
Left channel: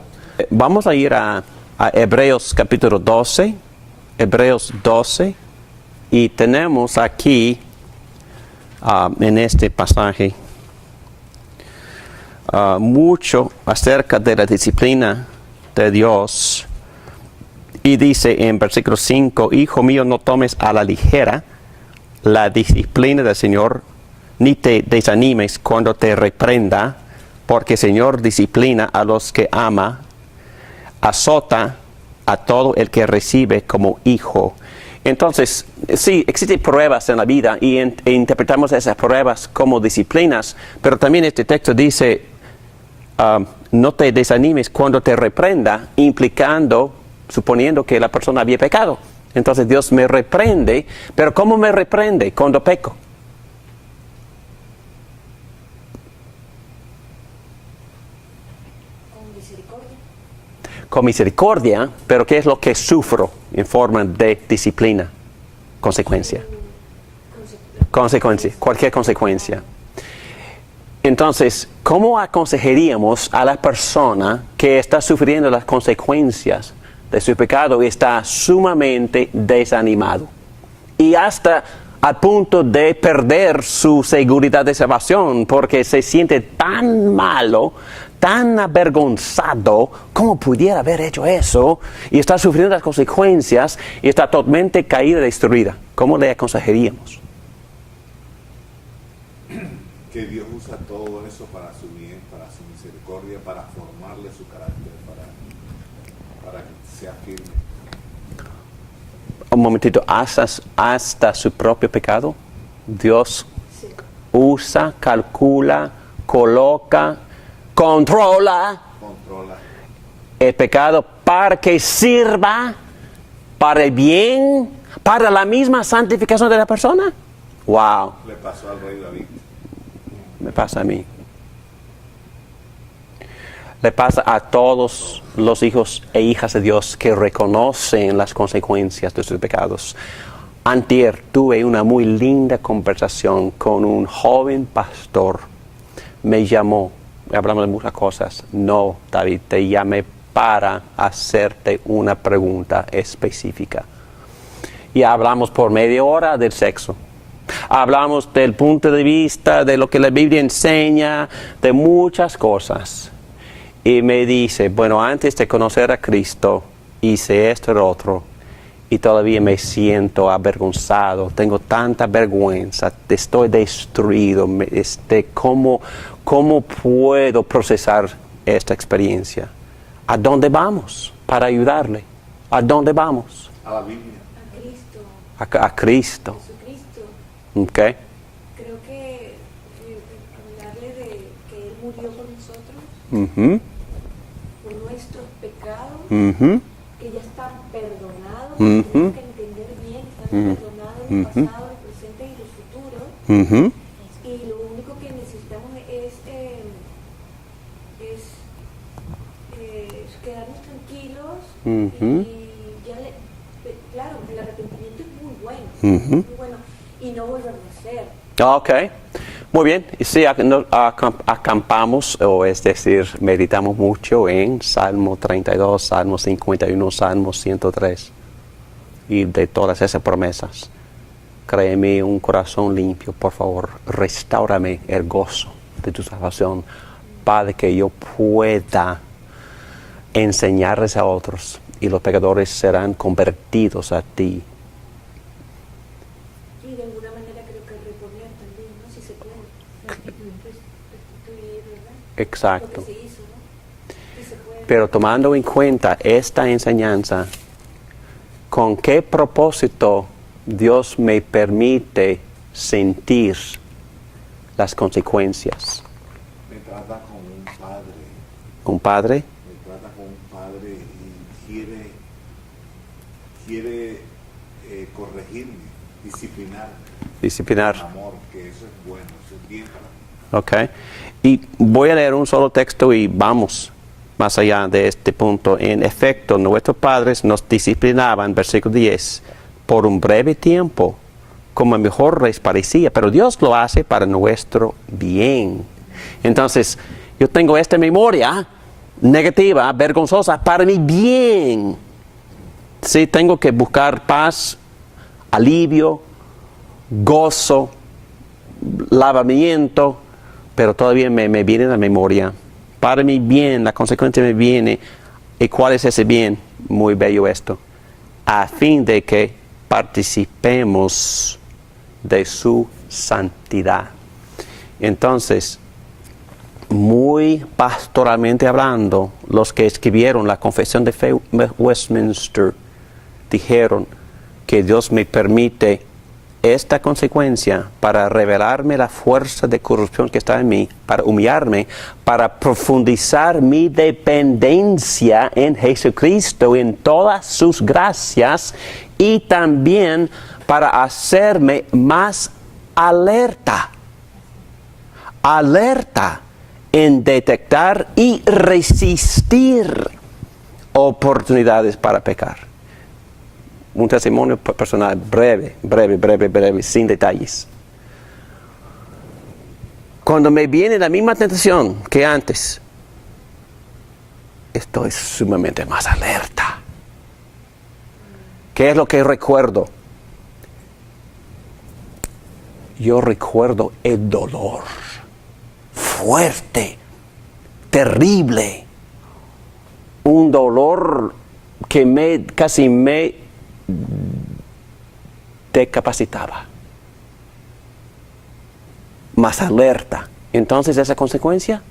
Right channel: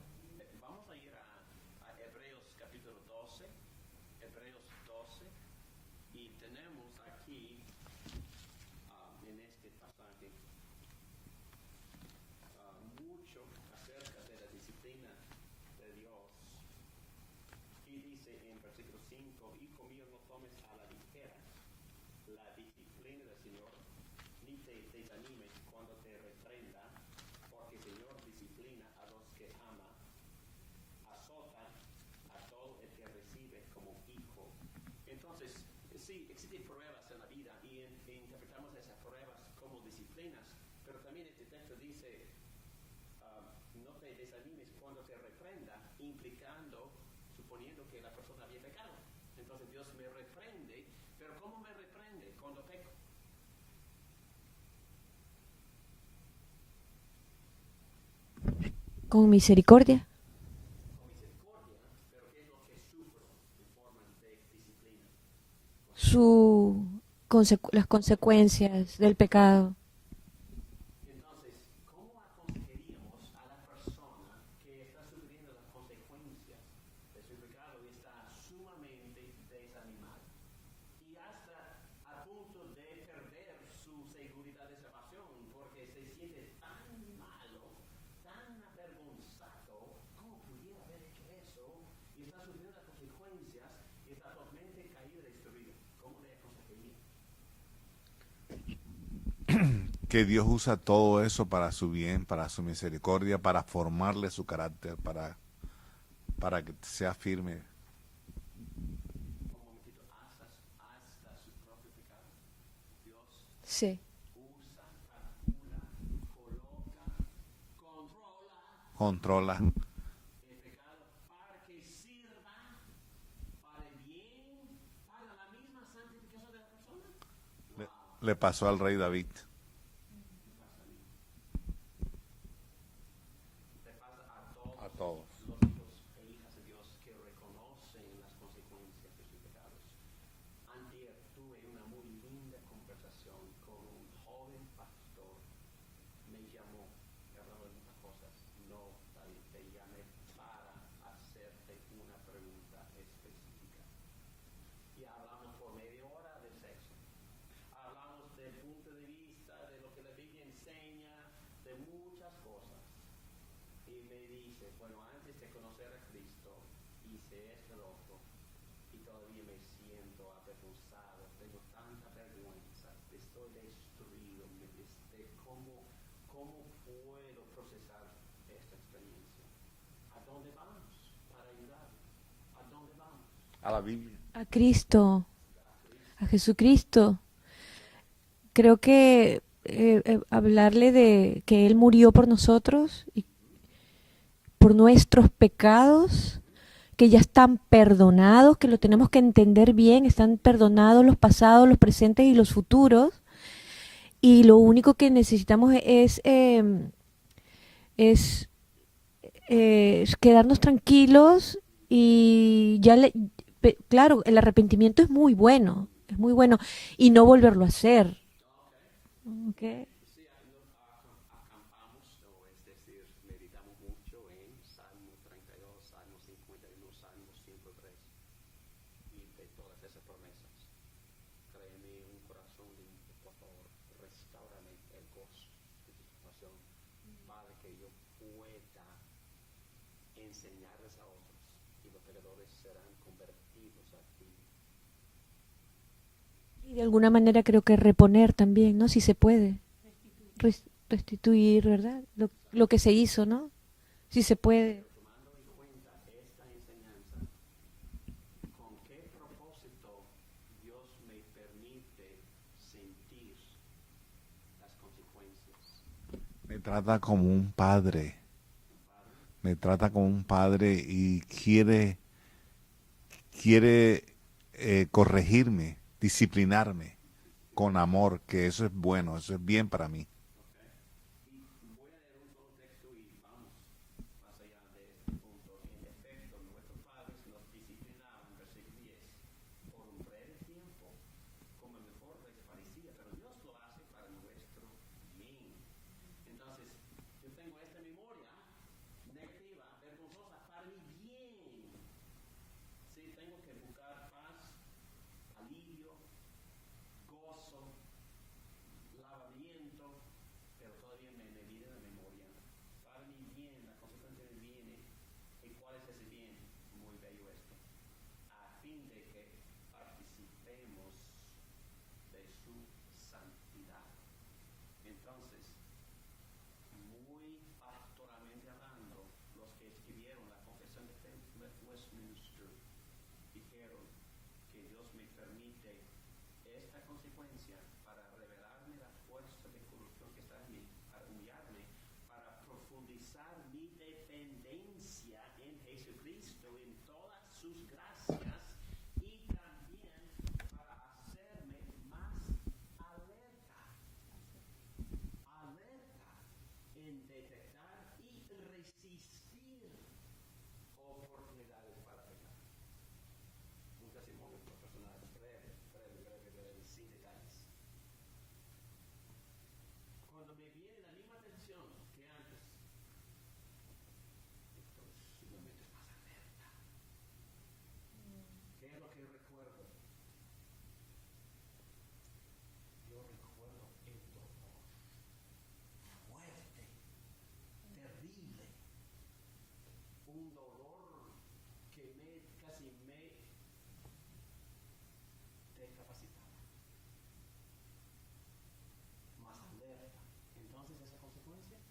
Vamos a ir a Hebreos capítulo 12, Hebreos 12, y tenemos aquí en este pasaje mucho acerca de la disciplina de Dios. Y dice en versículo 5, Hijo mío, no tomes a la ligera la disciplina del Señor, ni te desanimes cuando te reprenda, porque el Señor disciplina a los que ama, azota a todo el que recibe como hijo. Entonces, sí, existen pruebas en la vida e interpretamos esas pruebas como disciplinas, pero también este texto dice, no te desanimes cuando te reprenda, suponiendo que la persona había pecado. Entonces Dios me reprende, pero ¿cómo me reprende cuando peco? Con misericordia. Con misericordia, pero ¿qué es lo que sufro en forma de disciplina? Consecuencia. Las consecuencia, cualquier consecuencia. Entonces, ¿cómo aconsejaríamos a la persona que está sufriendo las consecuencias de su pecado y está sumamente desanimado? Y hasta al punto de perder su seguridad de salvación porque se siente tan malo, tan avergonzado, ¿cómo pudiera haber hecho eso? Y está sufriendo las consecuencias y está totalmente caída y destruida. ¿Cómo le aconsejaríamos? Que Dios usa todo eso para su bien, para su misericordia, para formarle su carácter, para que sea firme. Un momentito, hasta su propio pecado. Dios usa, calcula, coloca, controla el pecado para que sirva para el bien, para la misma santificación de la persona. Wow. Le pasó al rey David. Me pasa a mí. Le pasa a todos los hijos e hijas de Dios que reconocen las consecuencias de sus pecados. Antier tuve una muy linda conversación con un joven pastor. Me llamó, hablamos de muchas cosas. No, David, te llamé para hacerte una pregunta específica. Y hablamos por media hora del sexo. Hablamos del punto de vista de lo que la Biblia enseña, de muchas cosas. Y me dice, bueno, antes de conocer a Cristo, hice esto y lo otro, y todavía me siento avergonzado, tengo tanta vergüenza, estoy destruido. ¿Cómo puedo procesar esta experiencia? ¿A dónde vamos para ayudarle? ¿A dónde vamos? A la Biblia. A Cristo. A Cristo. A Jesucristo. Okay. Creo que hablarle de que Él murió por nosotros, Uh-huh. por nuestros pecados, Ujú. que ya están perdonados, que lo tenemos que entender bien, están perdonados los pasados, los presentes y los futuros. Ujú. Y lo único que necesitamos es quedarnos tranquilos y ya claro, el arrepentimiento es muy bueno, muy bueno, y no volverlo a hacer. Ok, muy bien. Y sí, acampamos, o es decir, meditamos mucho en Salmo 32, Salmo 51, Salmo 103. Y de todas esas promesas, créeme un corazón limpio, por favor, restáurame el gozo de tu salvación, Padre, que yo pueda enseñarles a otros y los pecadores serán convertidos a ti. Y de alguna manera creo que reponer también, ¿no? Si se puede. Restituir, ¿verdad? Exacto. Lo que se hizo, ¿no? Si se puede. Pero tomando en cuenta esta enseñanza, ¿con qué propósito Dios me permite sentir las consecuencias? Me trata como un padre. ¿Un padre? Me trata como un padre y quiere corregirme, disciplinarme. Disciplinar. Con amor, que eso es bueno, eso es bien para mí. Ok. Y voy a leer un solo texto y vamos más allá de este punto. En efecto, nuestros padres nos disciplinaban, versículo 10, por un breve tiempo, como mejor les parecía, pero Dios lo hace para nuestro bien. Entonces, yo tengo esta memoria negativa, vergonzosa, para mi bien. Sí, tengo que buscar paz, alivio, gozo, lavamiento, pero todavía me viene la memoria. Para mi bien, la consecuencia me viene. ¿Y cuál es ese bien? Muy bello esto. A fin de que participemos de su santidad. Entonces, muy pastoralmente hablando, los que escribieron la Confesión de Fe Westminster dijeron que Dios me permite esta consecuencia para revelarme la fuerza de corrupción que está en mí, para humillarme, para profundizar mi dependencia en Jesucristo, en todas sus gracias, y también para hacerme más alerta en detectar y resistir oportunidades para pecar. Un testimonio personal breve, sin detalles. Cuando me viene la misma tentación que antes, estoy sumamente más alerta. ¿Qué es lo que recuerdo? Yo recuerdo el dolor fuerte, terrible, un dolor que casi me decapacitaba, más alerta. Entonces, esa consecuencia,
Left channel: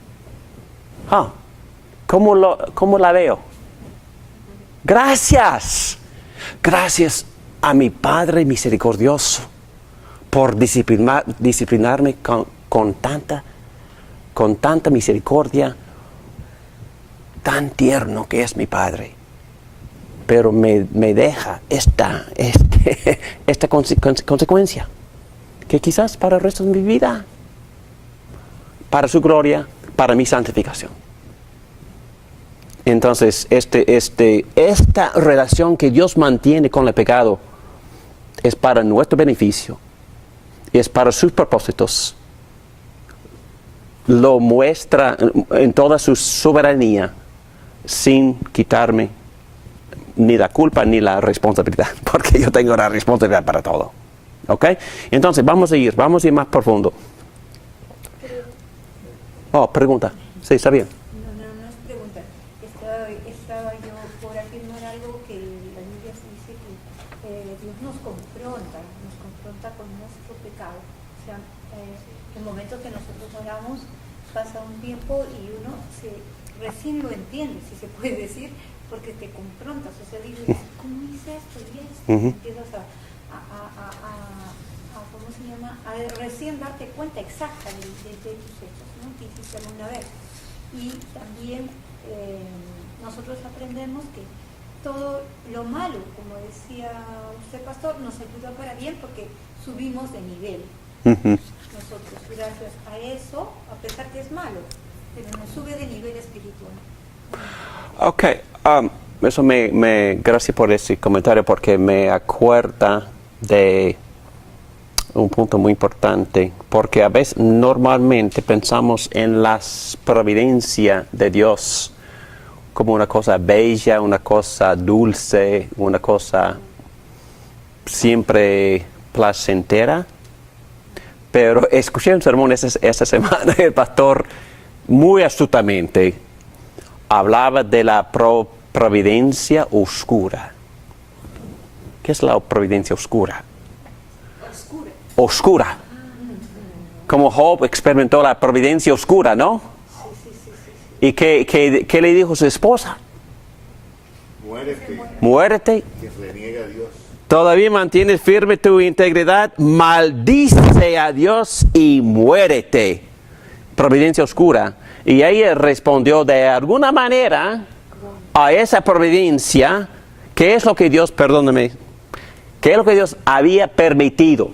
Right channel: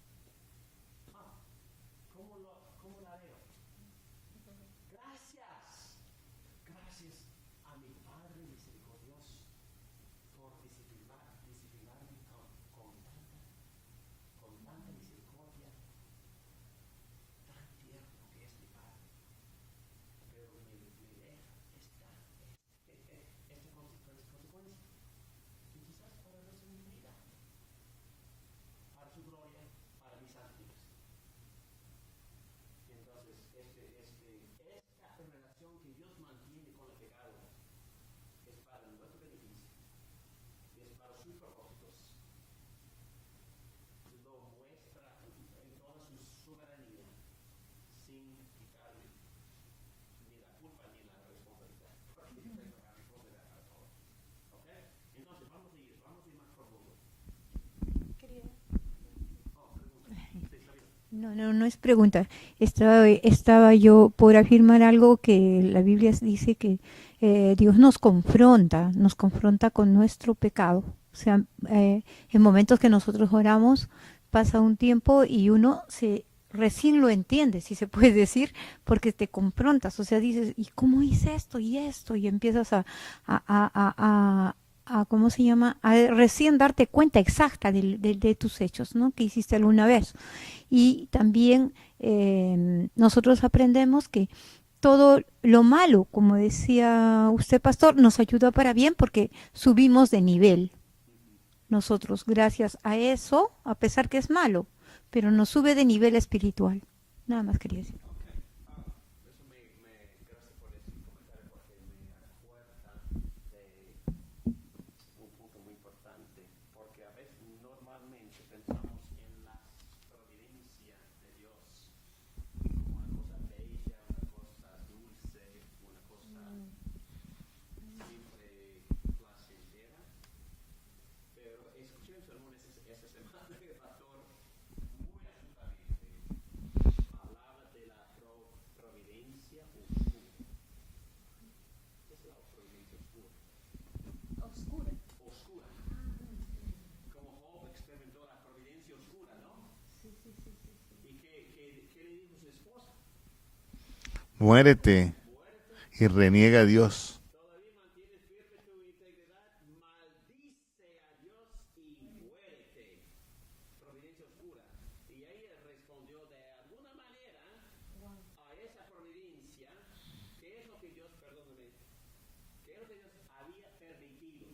¿cómo la veo? Gracias a mi Padre misericordioso por disciplinarme con tanta misericordia, tan tierno que es mi Padre. Pero me deja esta consecuencia, que quizás para el resto de mi vida, para su gloria, para mi santificación. Entonces, esta relación que Dios mantiene con el pecado es para nuestro beneficio, y es para sus propósitos. Lo muestra en toda su soberanía, sin quitarme ni la culpa ni la responsabilidad, porque yo tengo la responsabilidad para todo. ¿Ok? Entonces, vamos a ir más profundo. Pregunta. Sí, está bien. No es pregunta. Estaba yo por afirmar algo que la Biblia dice que Dios nos confronta con nuestro pecado. O sea, en momentos que nosotros oramos, pasa un tiempo y uno recién lo entiende, si se puede decir, porque te confrontas, o sea, dices, ¿y cómo hice esto y esto? Y empiezas a ¿cómo se llama? A recién darte cuenta exacta de tus hechos, ¿no? Que hiciste alguna vez. Y también nosotros aprendemos que todo lo malo, como decía usted, pastor, nos ayuda para bien porque subimos de nivel. Ujú. Nosotros, gracias a eso, a pesar que es malo, pero nos sube de nivel espiritual. Nada más que decir. Ok, eso gracias por ese comentario porque me acuerda de un punto muy importante, porque a veces normalmente pensamos en la providencia de Dios como una cosa bella, una cosa dulce, una cosa siempre placentera. Pero escuché un sermón esta semana, el pastor muy astutamente hablaba de la providencia oscura. ¿Qué es la providencia oscura? Oscura. Como Job experimentó la providencia oscura, ¿no? ¿Y qué le dijo su esposa? Muérete Muérete. y reniega a Dios. Todavía mantienes firme tu integridad, maldice a Dios y muérete. Providencia oscura. Y ella respondió de alguna manera a esa providencia, ¿qué es lo que Dios, perdóname, qué es lo que Dios había permitido?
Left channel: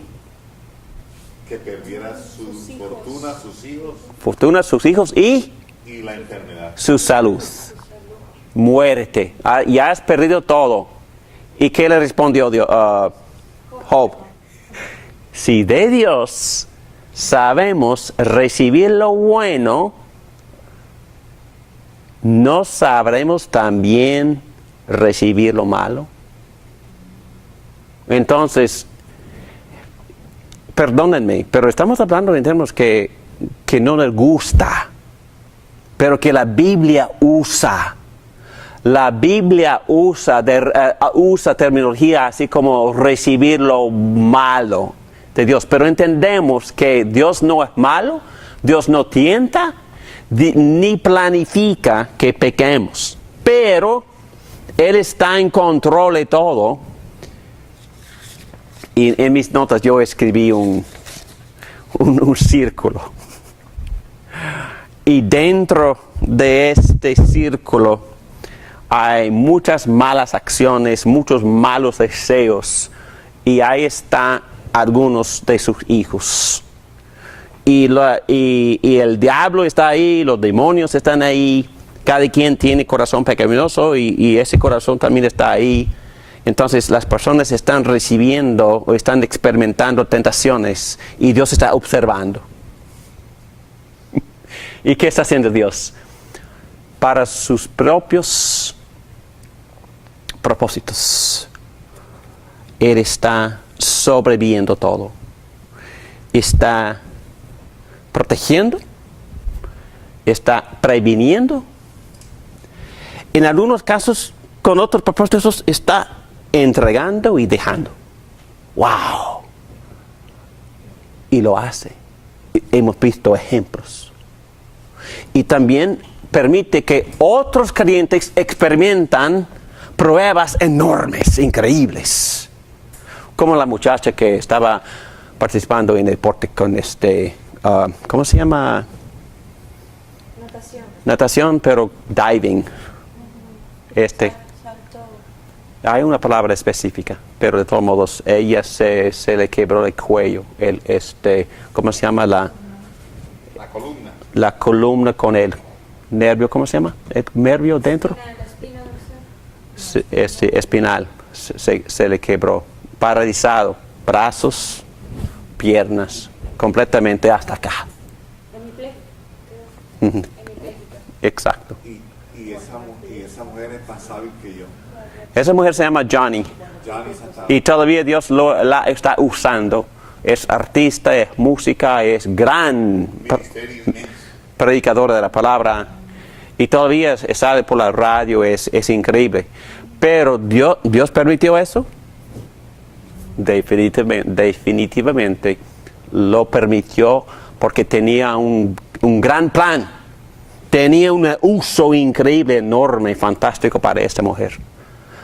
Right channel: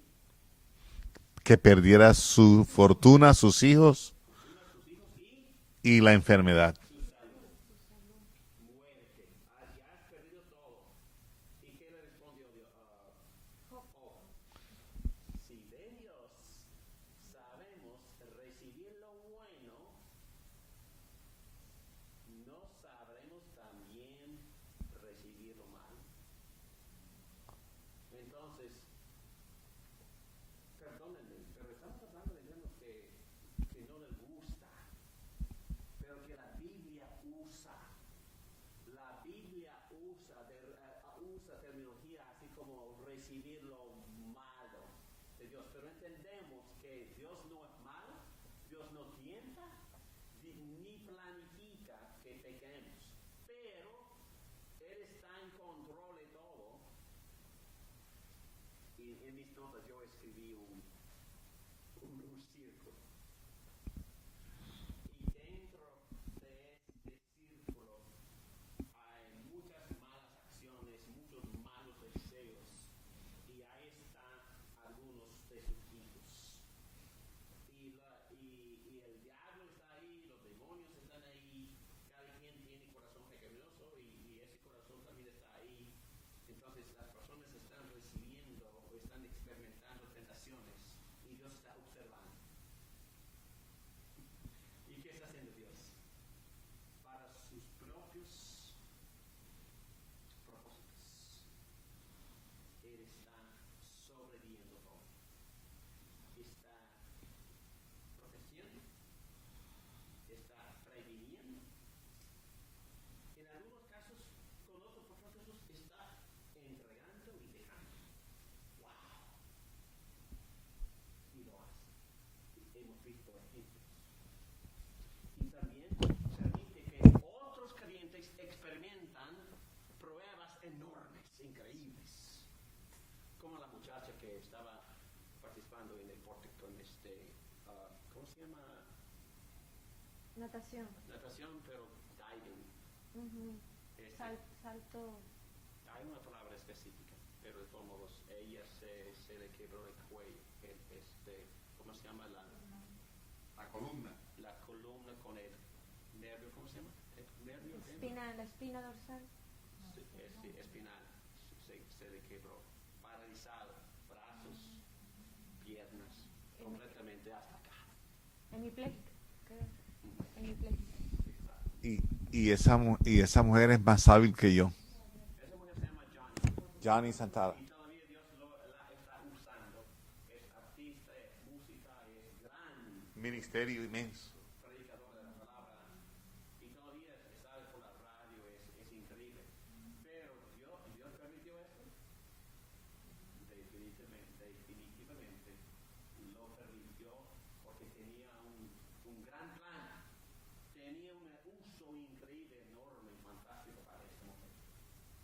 Que perdiera su fortuna, sus hijos Fortuna, sus hijos y y la enfermedad. su salud. Muérete. Ya has perdido todo. ¿Y qué le respondió Job? Si de Dios sabemos recibir lo bueno, ¿no sabremos también recibir lo malo? Entonces, perdónenme, pero estamos hablando en términos que no les gusta, pero que la Biblia usa. La Biblia usa terminología así como recibir lo malo de Dios. Pero entendemos que Dios no es malo, Dios no tienta, ni planifica que pequemos. Pero Él está en control de todo. Y en mis notas yo escribí un círculo. Y dentro de este círculo hay muchas malas acciones, muchos malos deseos, y ahí están algunos de sus hijos. Y el diablo está ahí, los demonios están ahí, cada quien tiene corazón pecaminoso y ese corazón también está ahí. Entonces las personas están recibiendo o están experimentando tentaciones y Dios está observando. ¿Y qué está haciendo Dios? Para sus propios propósitos. Él está sobreviviendo todo. Está protegiendo. Está previniendo. En algunos casos, con otros propósitos, está entregando y dejando. ¡Wow! Y lo hace. Hemos visto ejemplos. Y también permite que otros creyentes experimentan pruebas enormes, increíbles. Como la muchacha que estaba participando en el deporte con ¿cómo se llama? Natación, pero diving. Hay una palabra específica, pero de todos modos, ella se le quebró el cuello. ¿Cómo se llama? La columna. La columna con el nervio, ¿cómo se llama? ¿El nervio dentro? Espinal. Se le quebró. Paralizado. Brazos, piernas, completamente hasta acá. Ujú. Exacto. Y esa mujer es más hábil que yo. Esa mujer se llama Johnny. Y todavía Dios la está usando. Es artista, es música, es gran predicadora de la palabra. Y todavía sale por la radio, es increíble. Pero Dios permitió eso. Definitivamente lo permitió porque tenía un gran plan. Tenía un uso increíble, enorme, fantástico para esta mujer.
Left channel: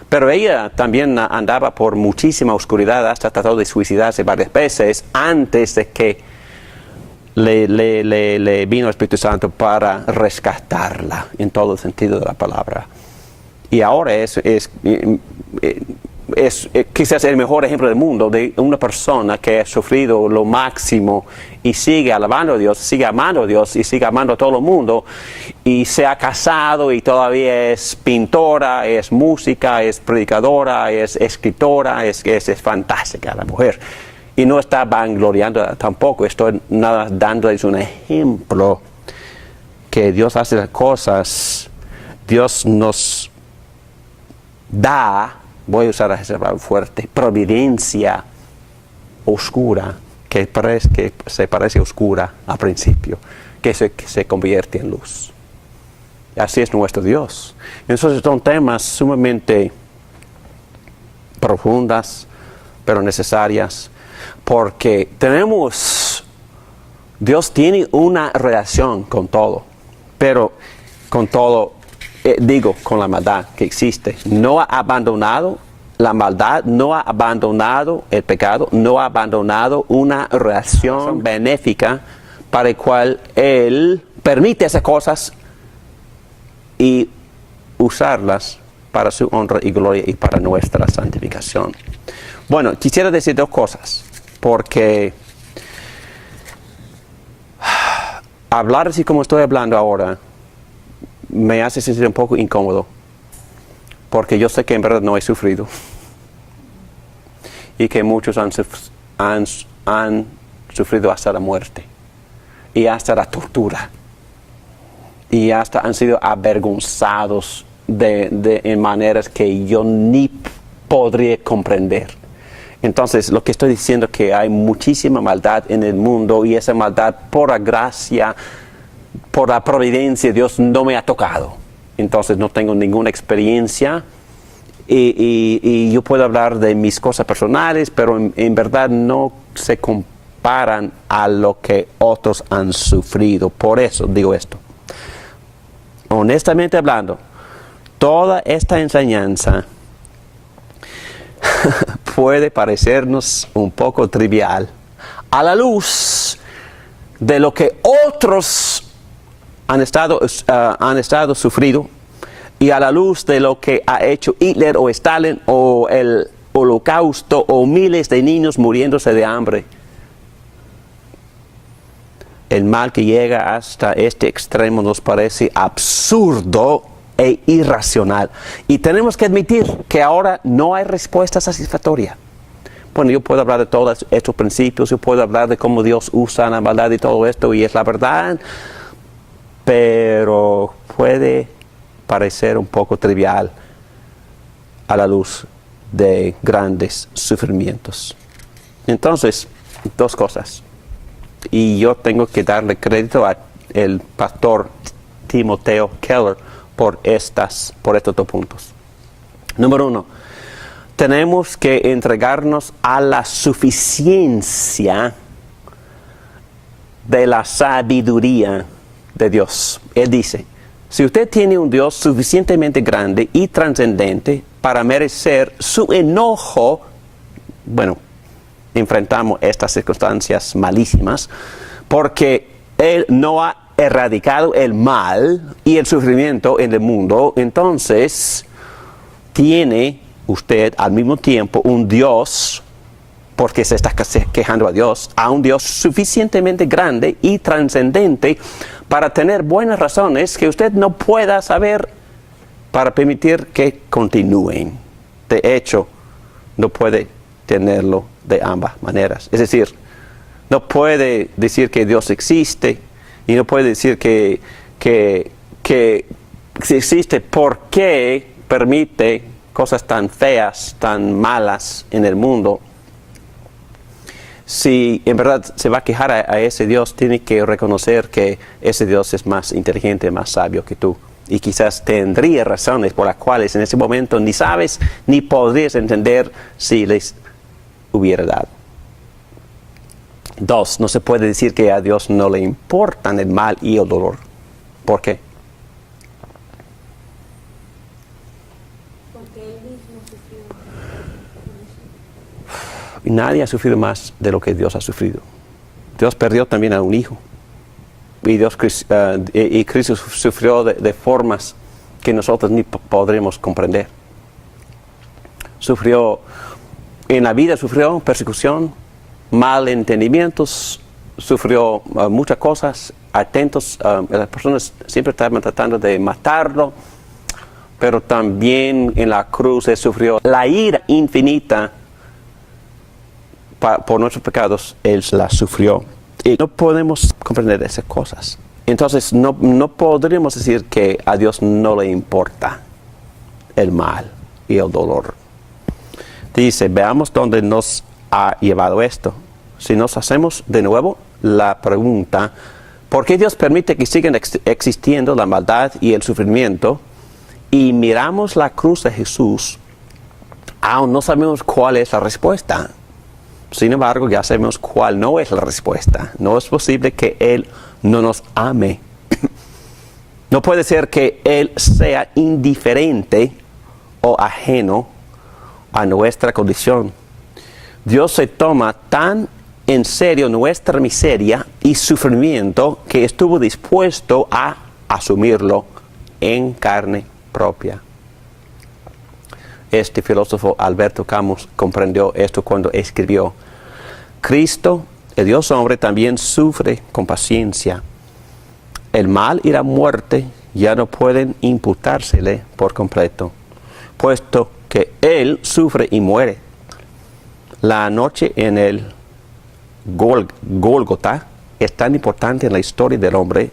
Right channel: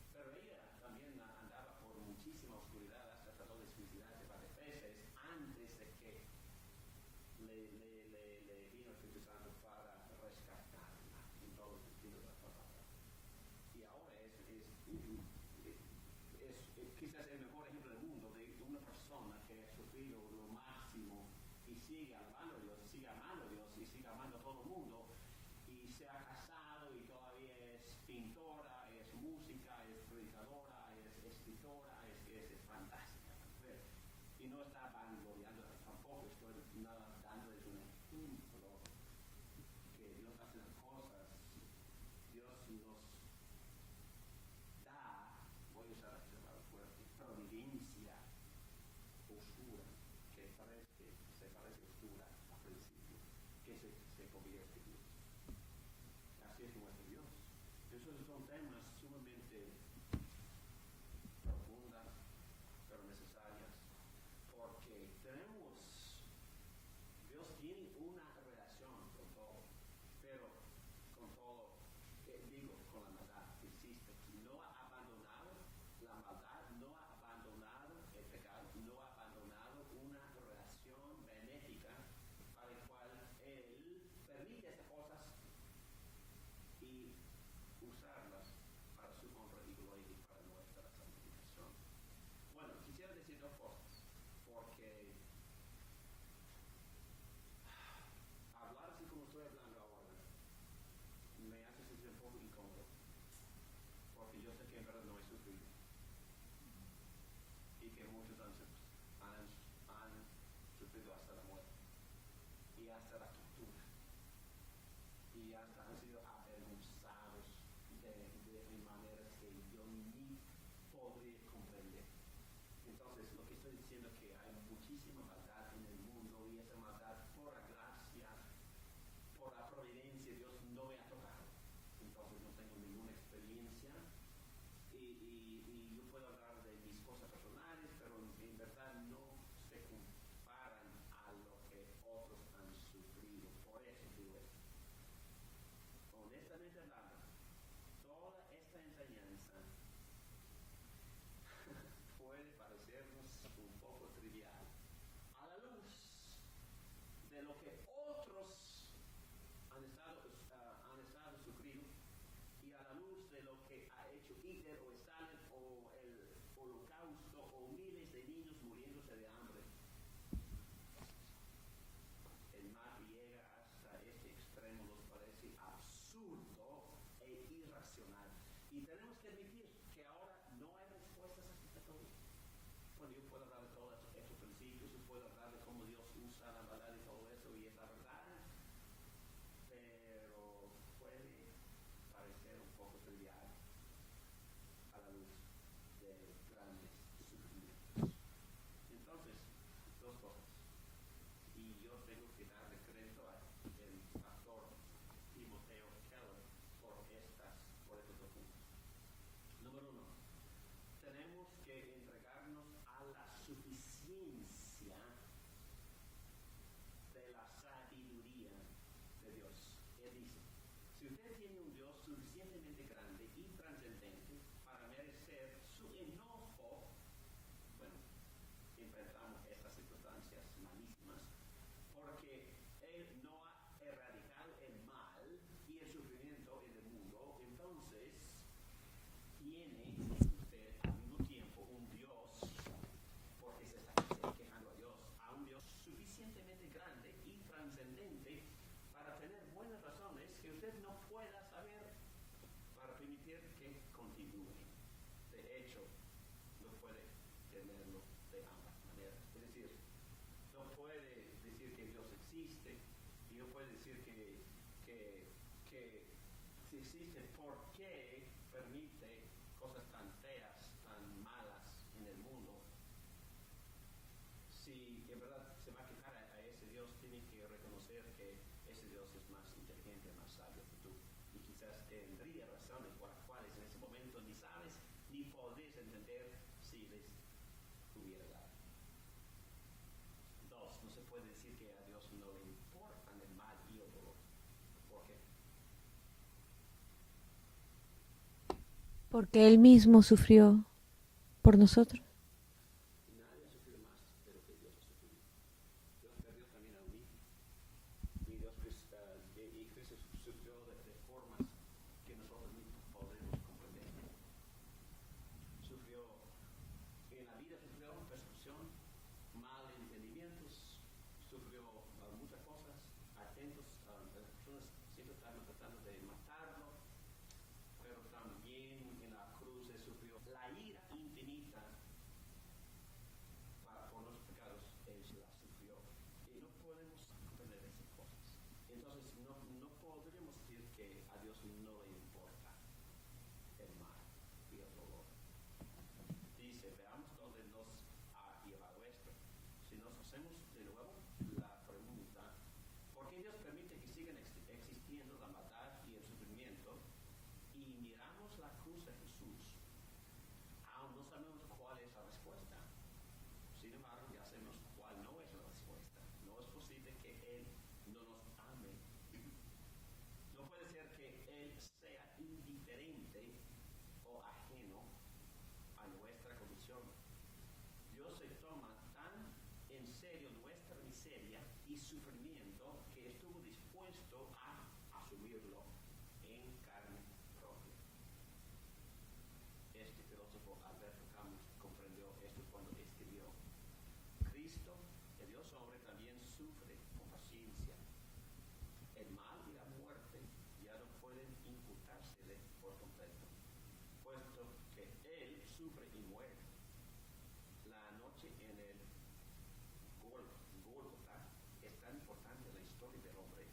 Pero ella también andaba por muchísima oscuridad, hasta trató de suicidarse varias veces antes de que le vino el Espíritu Santo para rescatarla en todo el sentido de la palabra. Y ahora es quizás el mejor ejemplo del mundo de una persona que ha sufrido lo máximo y sigue alabando a Dios, sigue amando a Dios y sigue amando a todo el mundo, y se ha casado y todavía es pintora, es música, es predicadora, es escritora, es fantástica la mujer. Y no está vangloriando tampoco, estoy nada dándoles un ejemplo que Dios hace las cosas, Dios nos da, voy a usar esa palabra fuerte, providencia oscura, que se parece oscura al principio, que se convierte en luz. Así es nuestro Dios. Entonces son temas sumamente profundas, pero necesarias, porque Dios tiene una relación con todo, pero con todo, con la maldad que existe. No ha abandonado la maldad, no ha abandonado el pecado, no ha abandonado una relación benéfica para la cual Él permite esas cosas y usarlas para su honra y gloria y para nuestra santificación. Bueno, quisiera decir dos cosas, porque hablar así como estoy hablando ahora me hace sentir un poco incómodo, porque yo sé que en verdad no he sufrido y que muchos han sufrido hasta la muerte y hasta la tortura y hasta han sido avergonzados en maneras que yo ni podría comprender. Entonces, lo que estoy diciendo es que hay muchísima maldad en el mundo, y esa maldad, por la gracia, por la providencia de Dios, no me ha tocado. Entonces, no tengo ninguna experiencia y yo puedo hablar de mis cosas personales, pero en verdad no se comparan a lo que otros han sufrido. Por eso digo esto. Honestamente hablando, toda esta enseñanza puede parecernos un poco trivial a la luz de lo que otros han estado sufriendo, y a la luz de lo que ha hecho Hitler o Stalin o el Holocausto o miles de niños muriéndose de hambre. El mal que llega hasta este extremo nos parece absurdo e irracional. Y tenemos que admitir que ahora no hay respuesta satisfactoria. Bueno, yo puedo hablar de todos estos principios, yo puedo hablar de cómo Dios usa la maldad y todo esto, y es la verdad, pero puede parecer un poco trivial a la luz de grandes sufrimientos. Entonces, dos cosas. Y yo tengo que darle crédito al pastor Timoteo Keller por estos dos puntos. Número uno, tenemos que entregarnos a la suficiencia de la sabiduría de Dios. Él dice, si usted tiene un Dios suficientemente grande y trascendente para merecer su enojo, bueno, enfrentamos estas circunstancias malísimas, porque Él no ha erradicado el mal y el sufrimiento en el mundo, entonces tiene usted al mismo tiempo un Dios, porque se está quejando a un Dios suficientemente grande y trascendente para tener buenas razones que usted no pueda saber para permitir que continúen. De hecho, no puede tenerlo de ambas maneras. Es decir, no puede decir que Dios existe y no puede decir que si existe, ¿por qué permite cosas tan feas, tan malas en el mundo? Si en verdad se va a quejar a ese Dios, tiene que reconocer que ese Dios es más inteligente, más sabio que tú. Y quizás tendría razones por las cuales en ese momento ni sabes ni podrías entender si les hubiera dado. Dos, no se puede decir que a Dios no le importan el mal y el dolor. ¿Por qué? Porque Él mismo sufrió por nosotros. Nadie ha sufrido más de lo que Dios ha sufrido. Dios perdió también a un hijo. Y Cristo sufrió de formas que nosotros ni podremos comprender. En la vida sufrió persecución, malentendimientos, sufrió muchas cosas, atentos, las personas siempre estaban tratando de matarlo, pero también en la cruz Él sufrió la ira infinita por nuestros pecados, Él la sufrió. Y no podemos comprender esas cosas. Entonces no podríamos decir que a Dios no le importa el mal y el dolor. Dice, veamos dónde nos ha llevado esto. Si nos hacemos de nuevo la pregunta, ¿por qué Dios permite que sigan existiendo la maldad y el sufrimiento? Y miramos la cruz de Jesús, aún no sabemos cuál es la respuesta. Sin embargo, ya sabemos cuál no es la respuesta. No es posible que Él no nos ame. No puede ser que Él sea indiferente o ajeno a nuestra condición. Dios se toma tan en serio nuestra miseria y sufrimiento que estuvo dispuesto a asumirlo en carne propia. Este filósofo Alberto Camus comprendió esto cuando escribió: Cristo, el Dios hombre, también sufre con paciencia. El mal y la muerte ya no pueden imputársele por completo, puesto que Él sufre y muere. La noche en el Gólgota es tan importante en la historia del hombre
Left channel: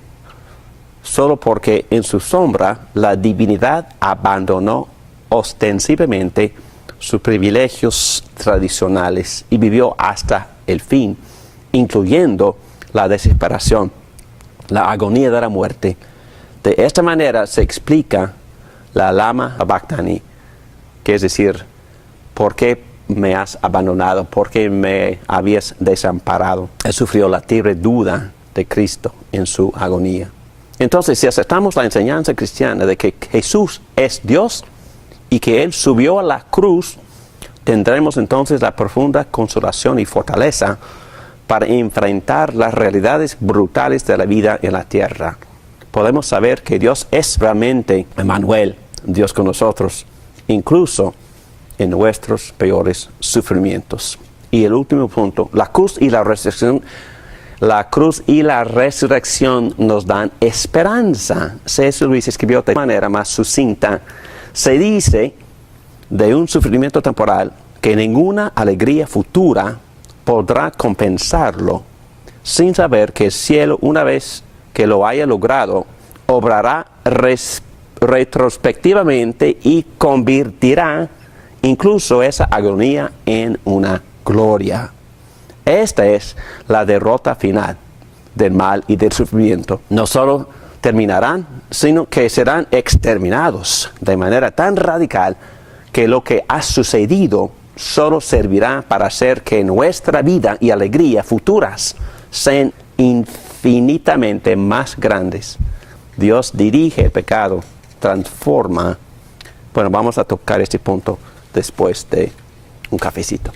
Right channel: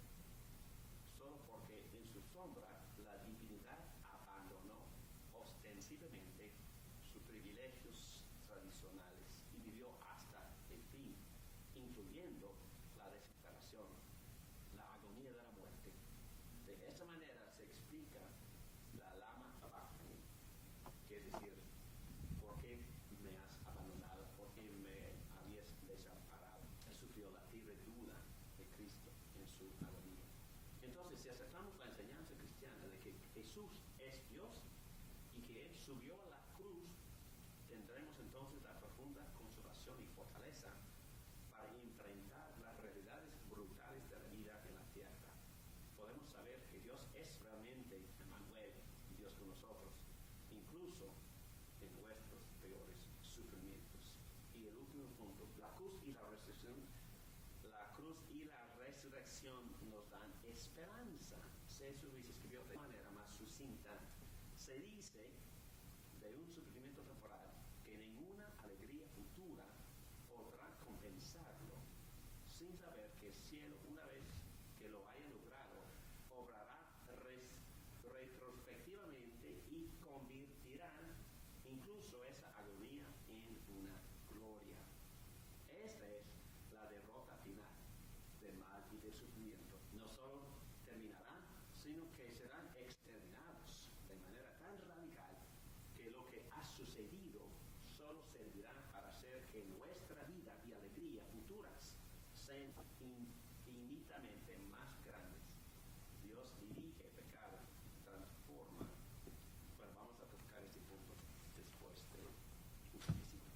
solo porque en su sombra la divinidad abandonó ostensiblemente sus privilegios tradicionales y vivió hasta el fin, incluyendo la desesperación, la agonía de la muerte. De esta manera se explica la lama sabachthani, que es decir, ¿por qué me has abandonado? ¿Por qué me habías desamparado? Él sufrió la terrible duda de Cristo en su agonía. Entonces, si aceptamos la enseñanza cristiana de que Jesús es Dios y que Él subió a la cruz, tendremos entonces la profunda consolación y fortaleza para enfrentar las realidades brutales de la vida en la tierra. Podemos saber que Dios es realmente Emmanuel, Dios con nosotros, incluso en nuestros peores sufrimientos. Y el último punto, la cruz y la resurrección. La cruz y la resurrección nos dan esperanza. C.S. Lewis escribió de manera más sucinta: se dice de un sufrimiento temporal que ninguna alegría futura podrá compensarlo, sin saber que el cielo, una vez que lo haya logrado, obrará retrospectivamente y convertirá incluso esa agonía en una gloria. Esta es la derrota final del mal y del sufrimiento. No solo terminarán, sino que serán exterminados de manera tan radical que lo que ha sucedido solo servirá para hacer que nuestra vida y alegría futuras sean infinitamente más grandes. Dios dirige el pecado, transforma. Bueno, vamos a tocar este punto después de un cafecito.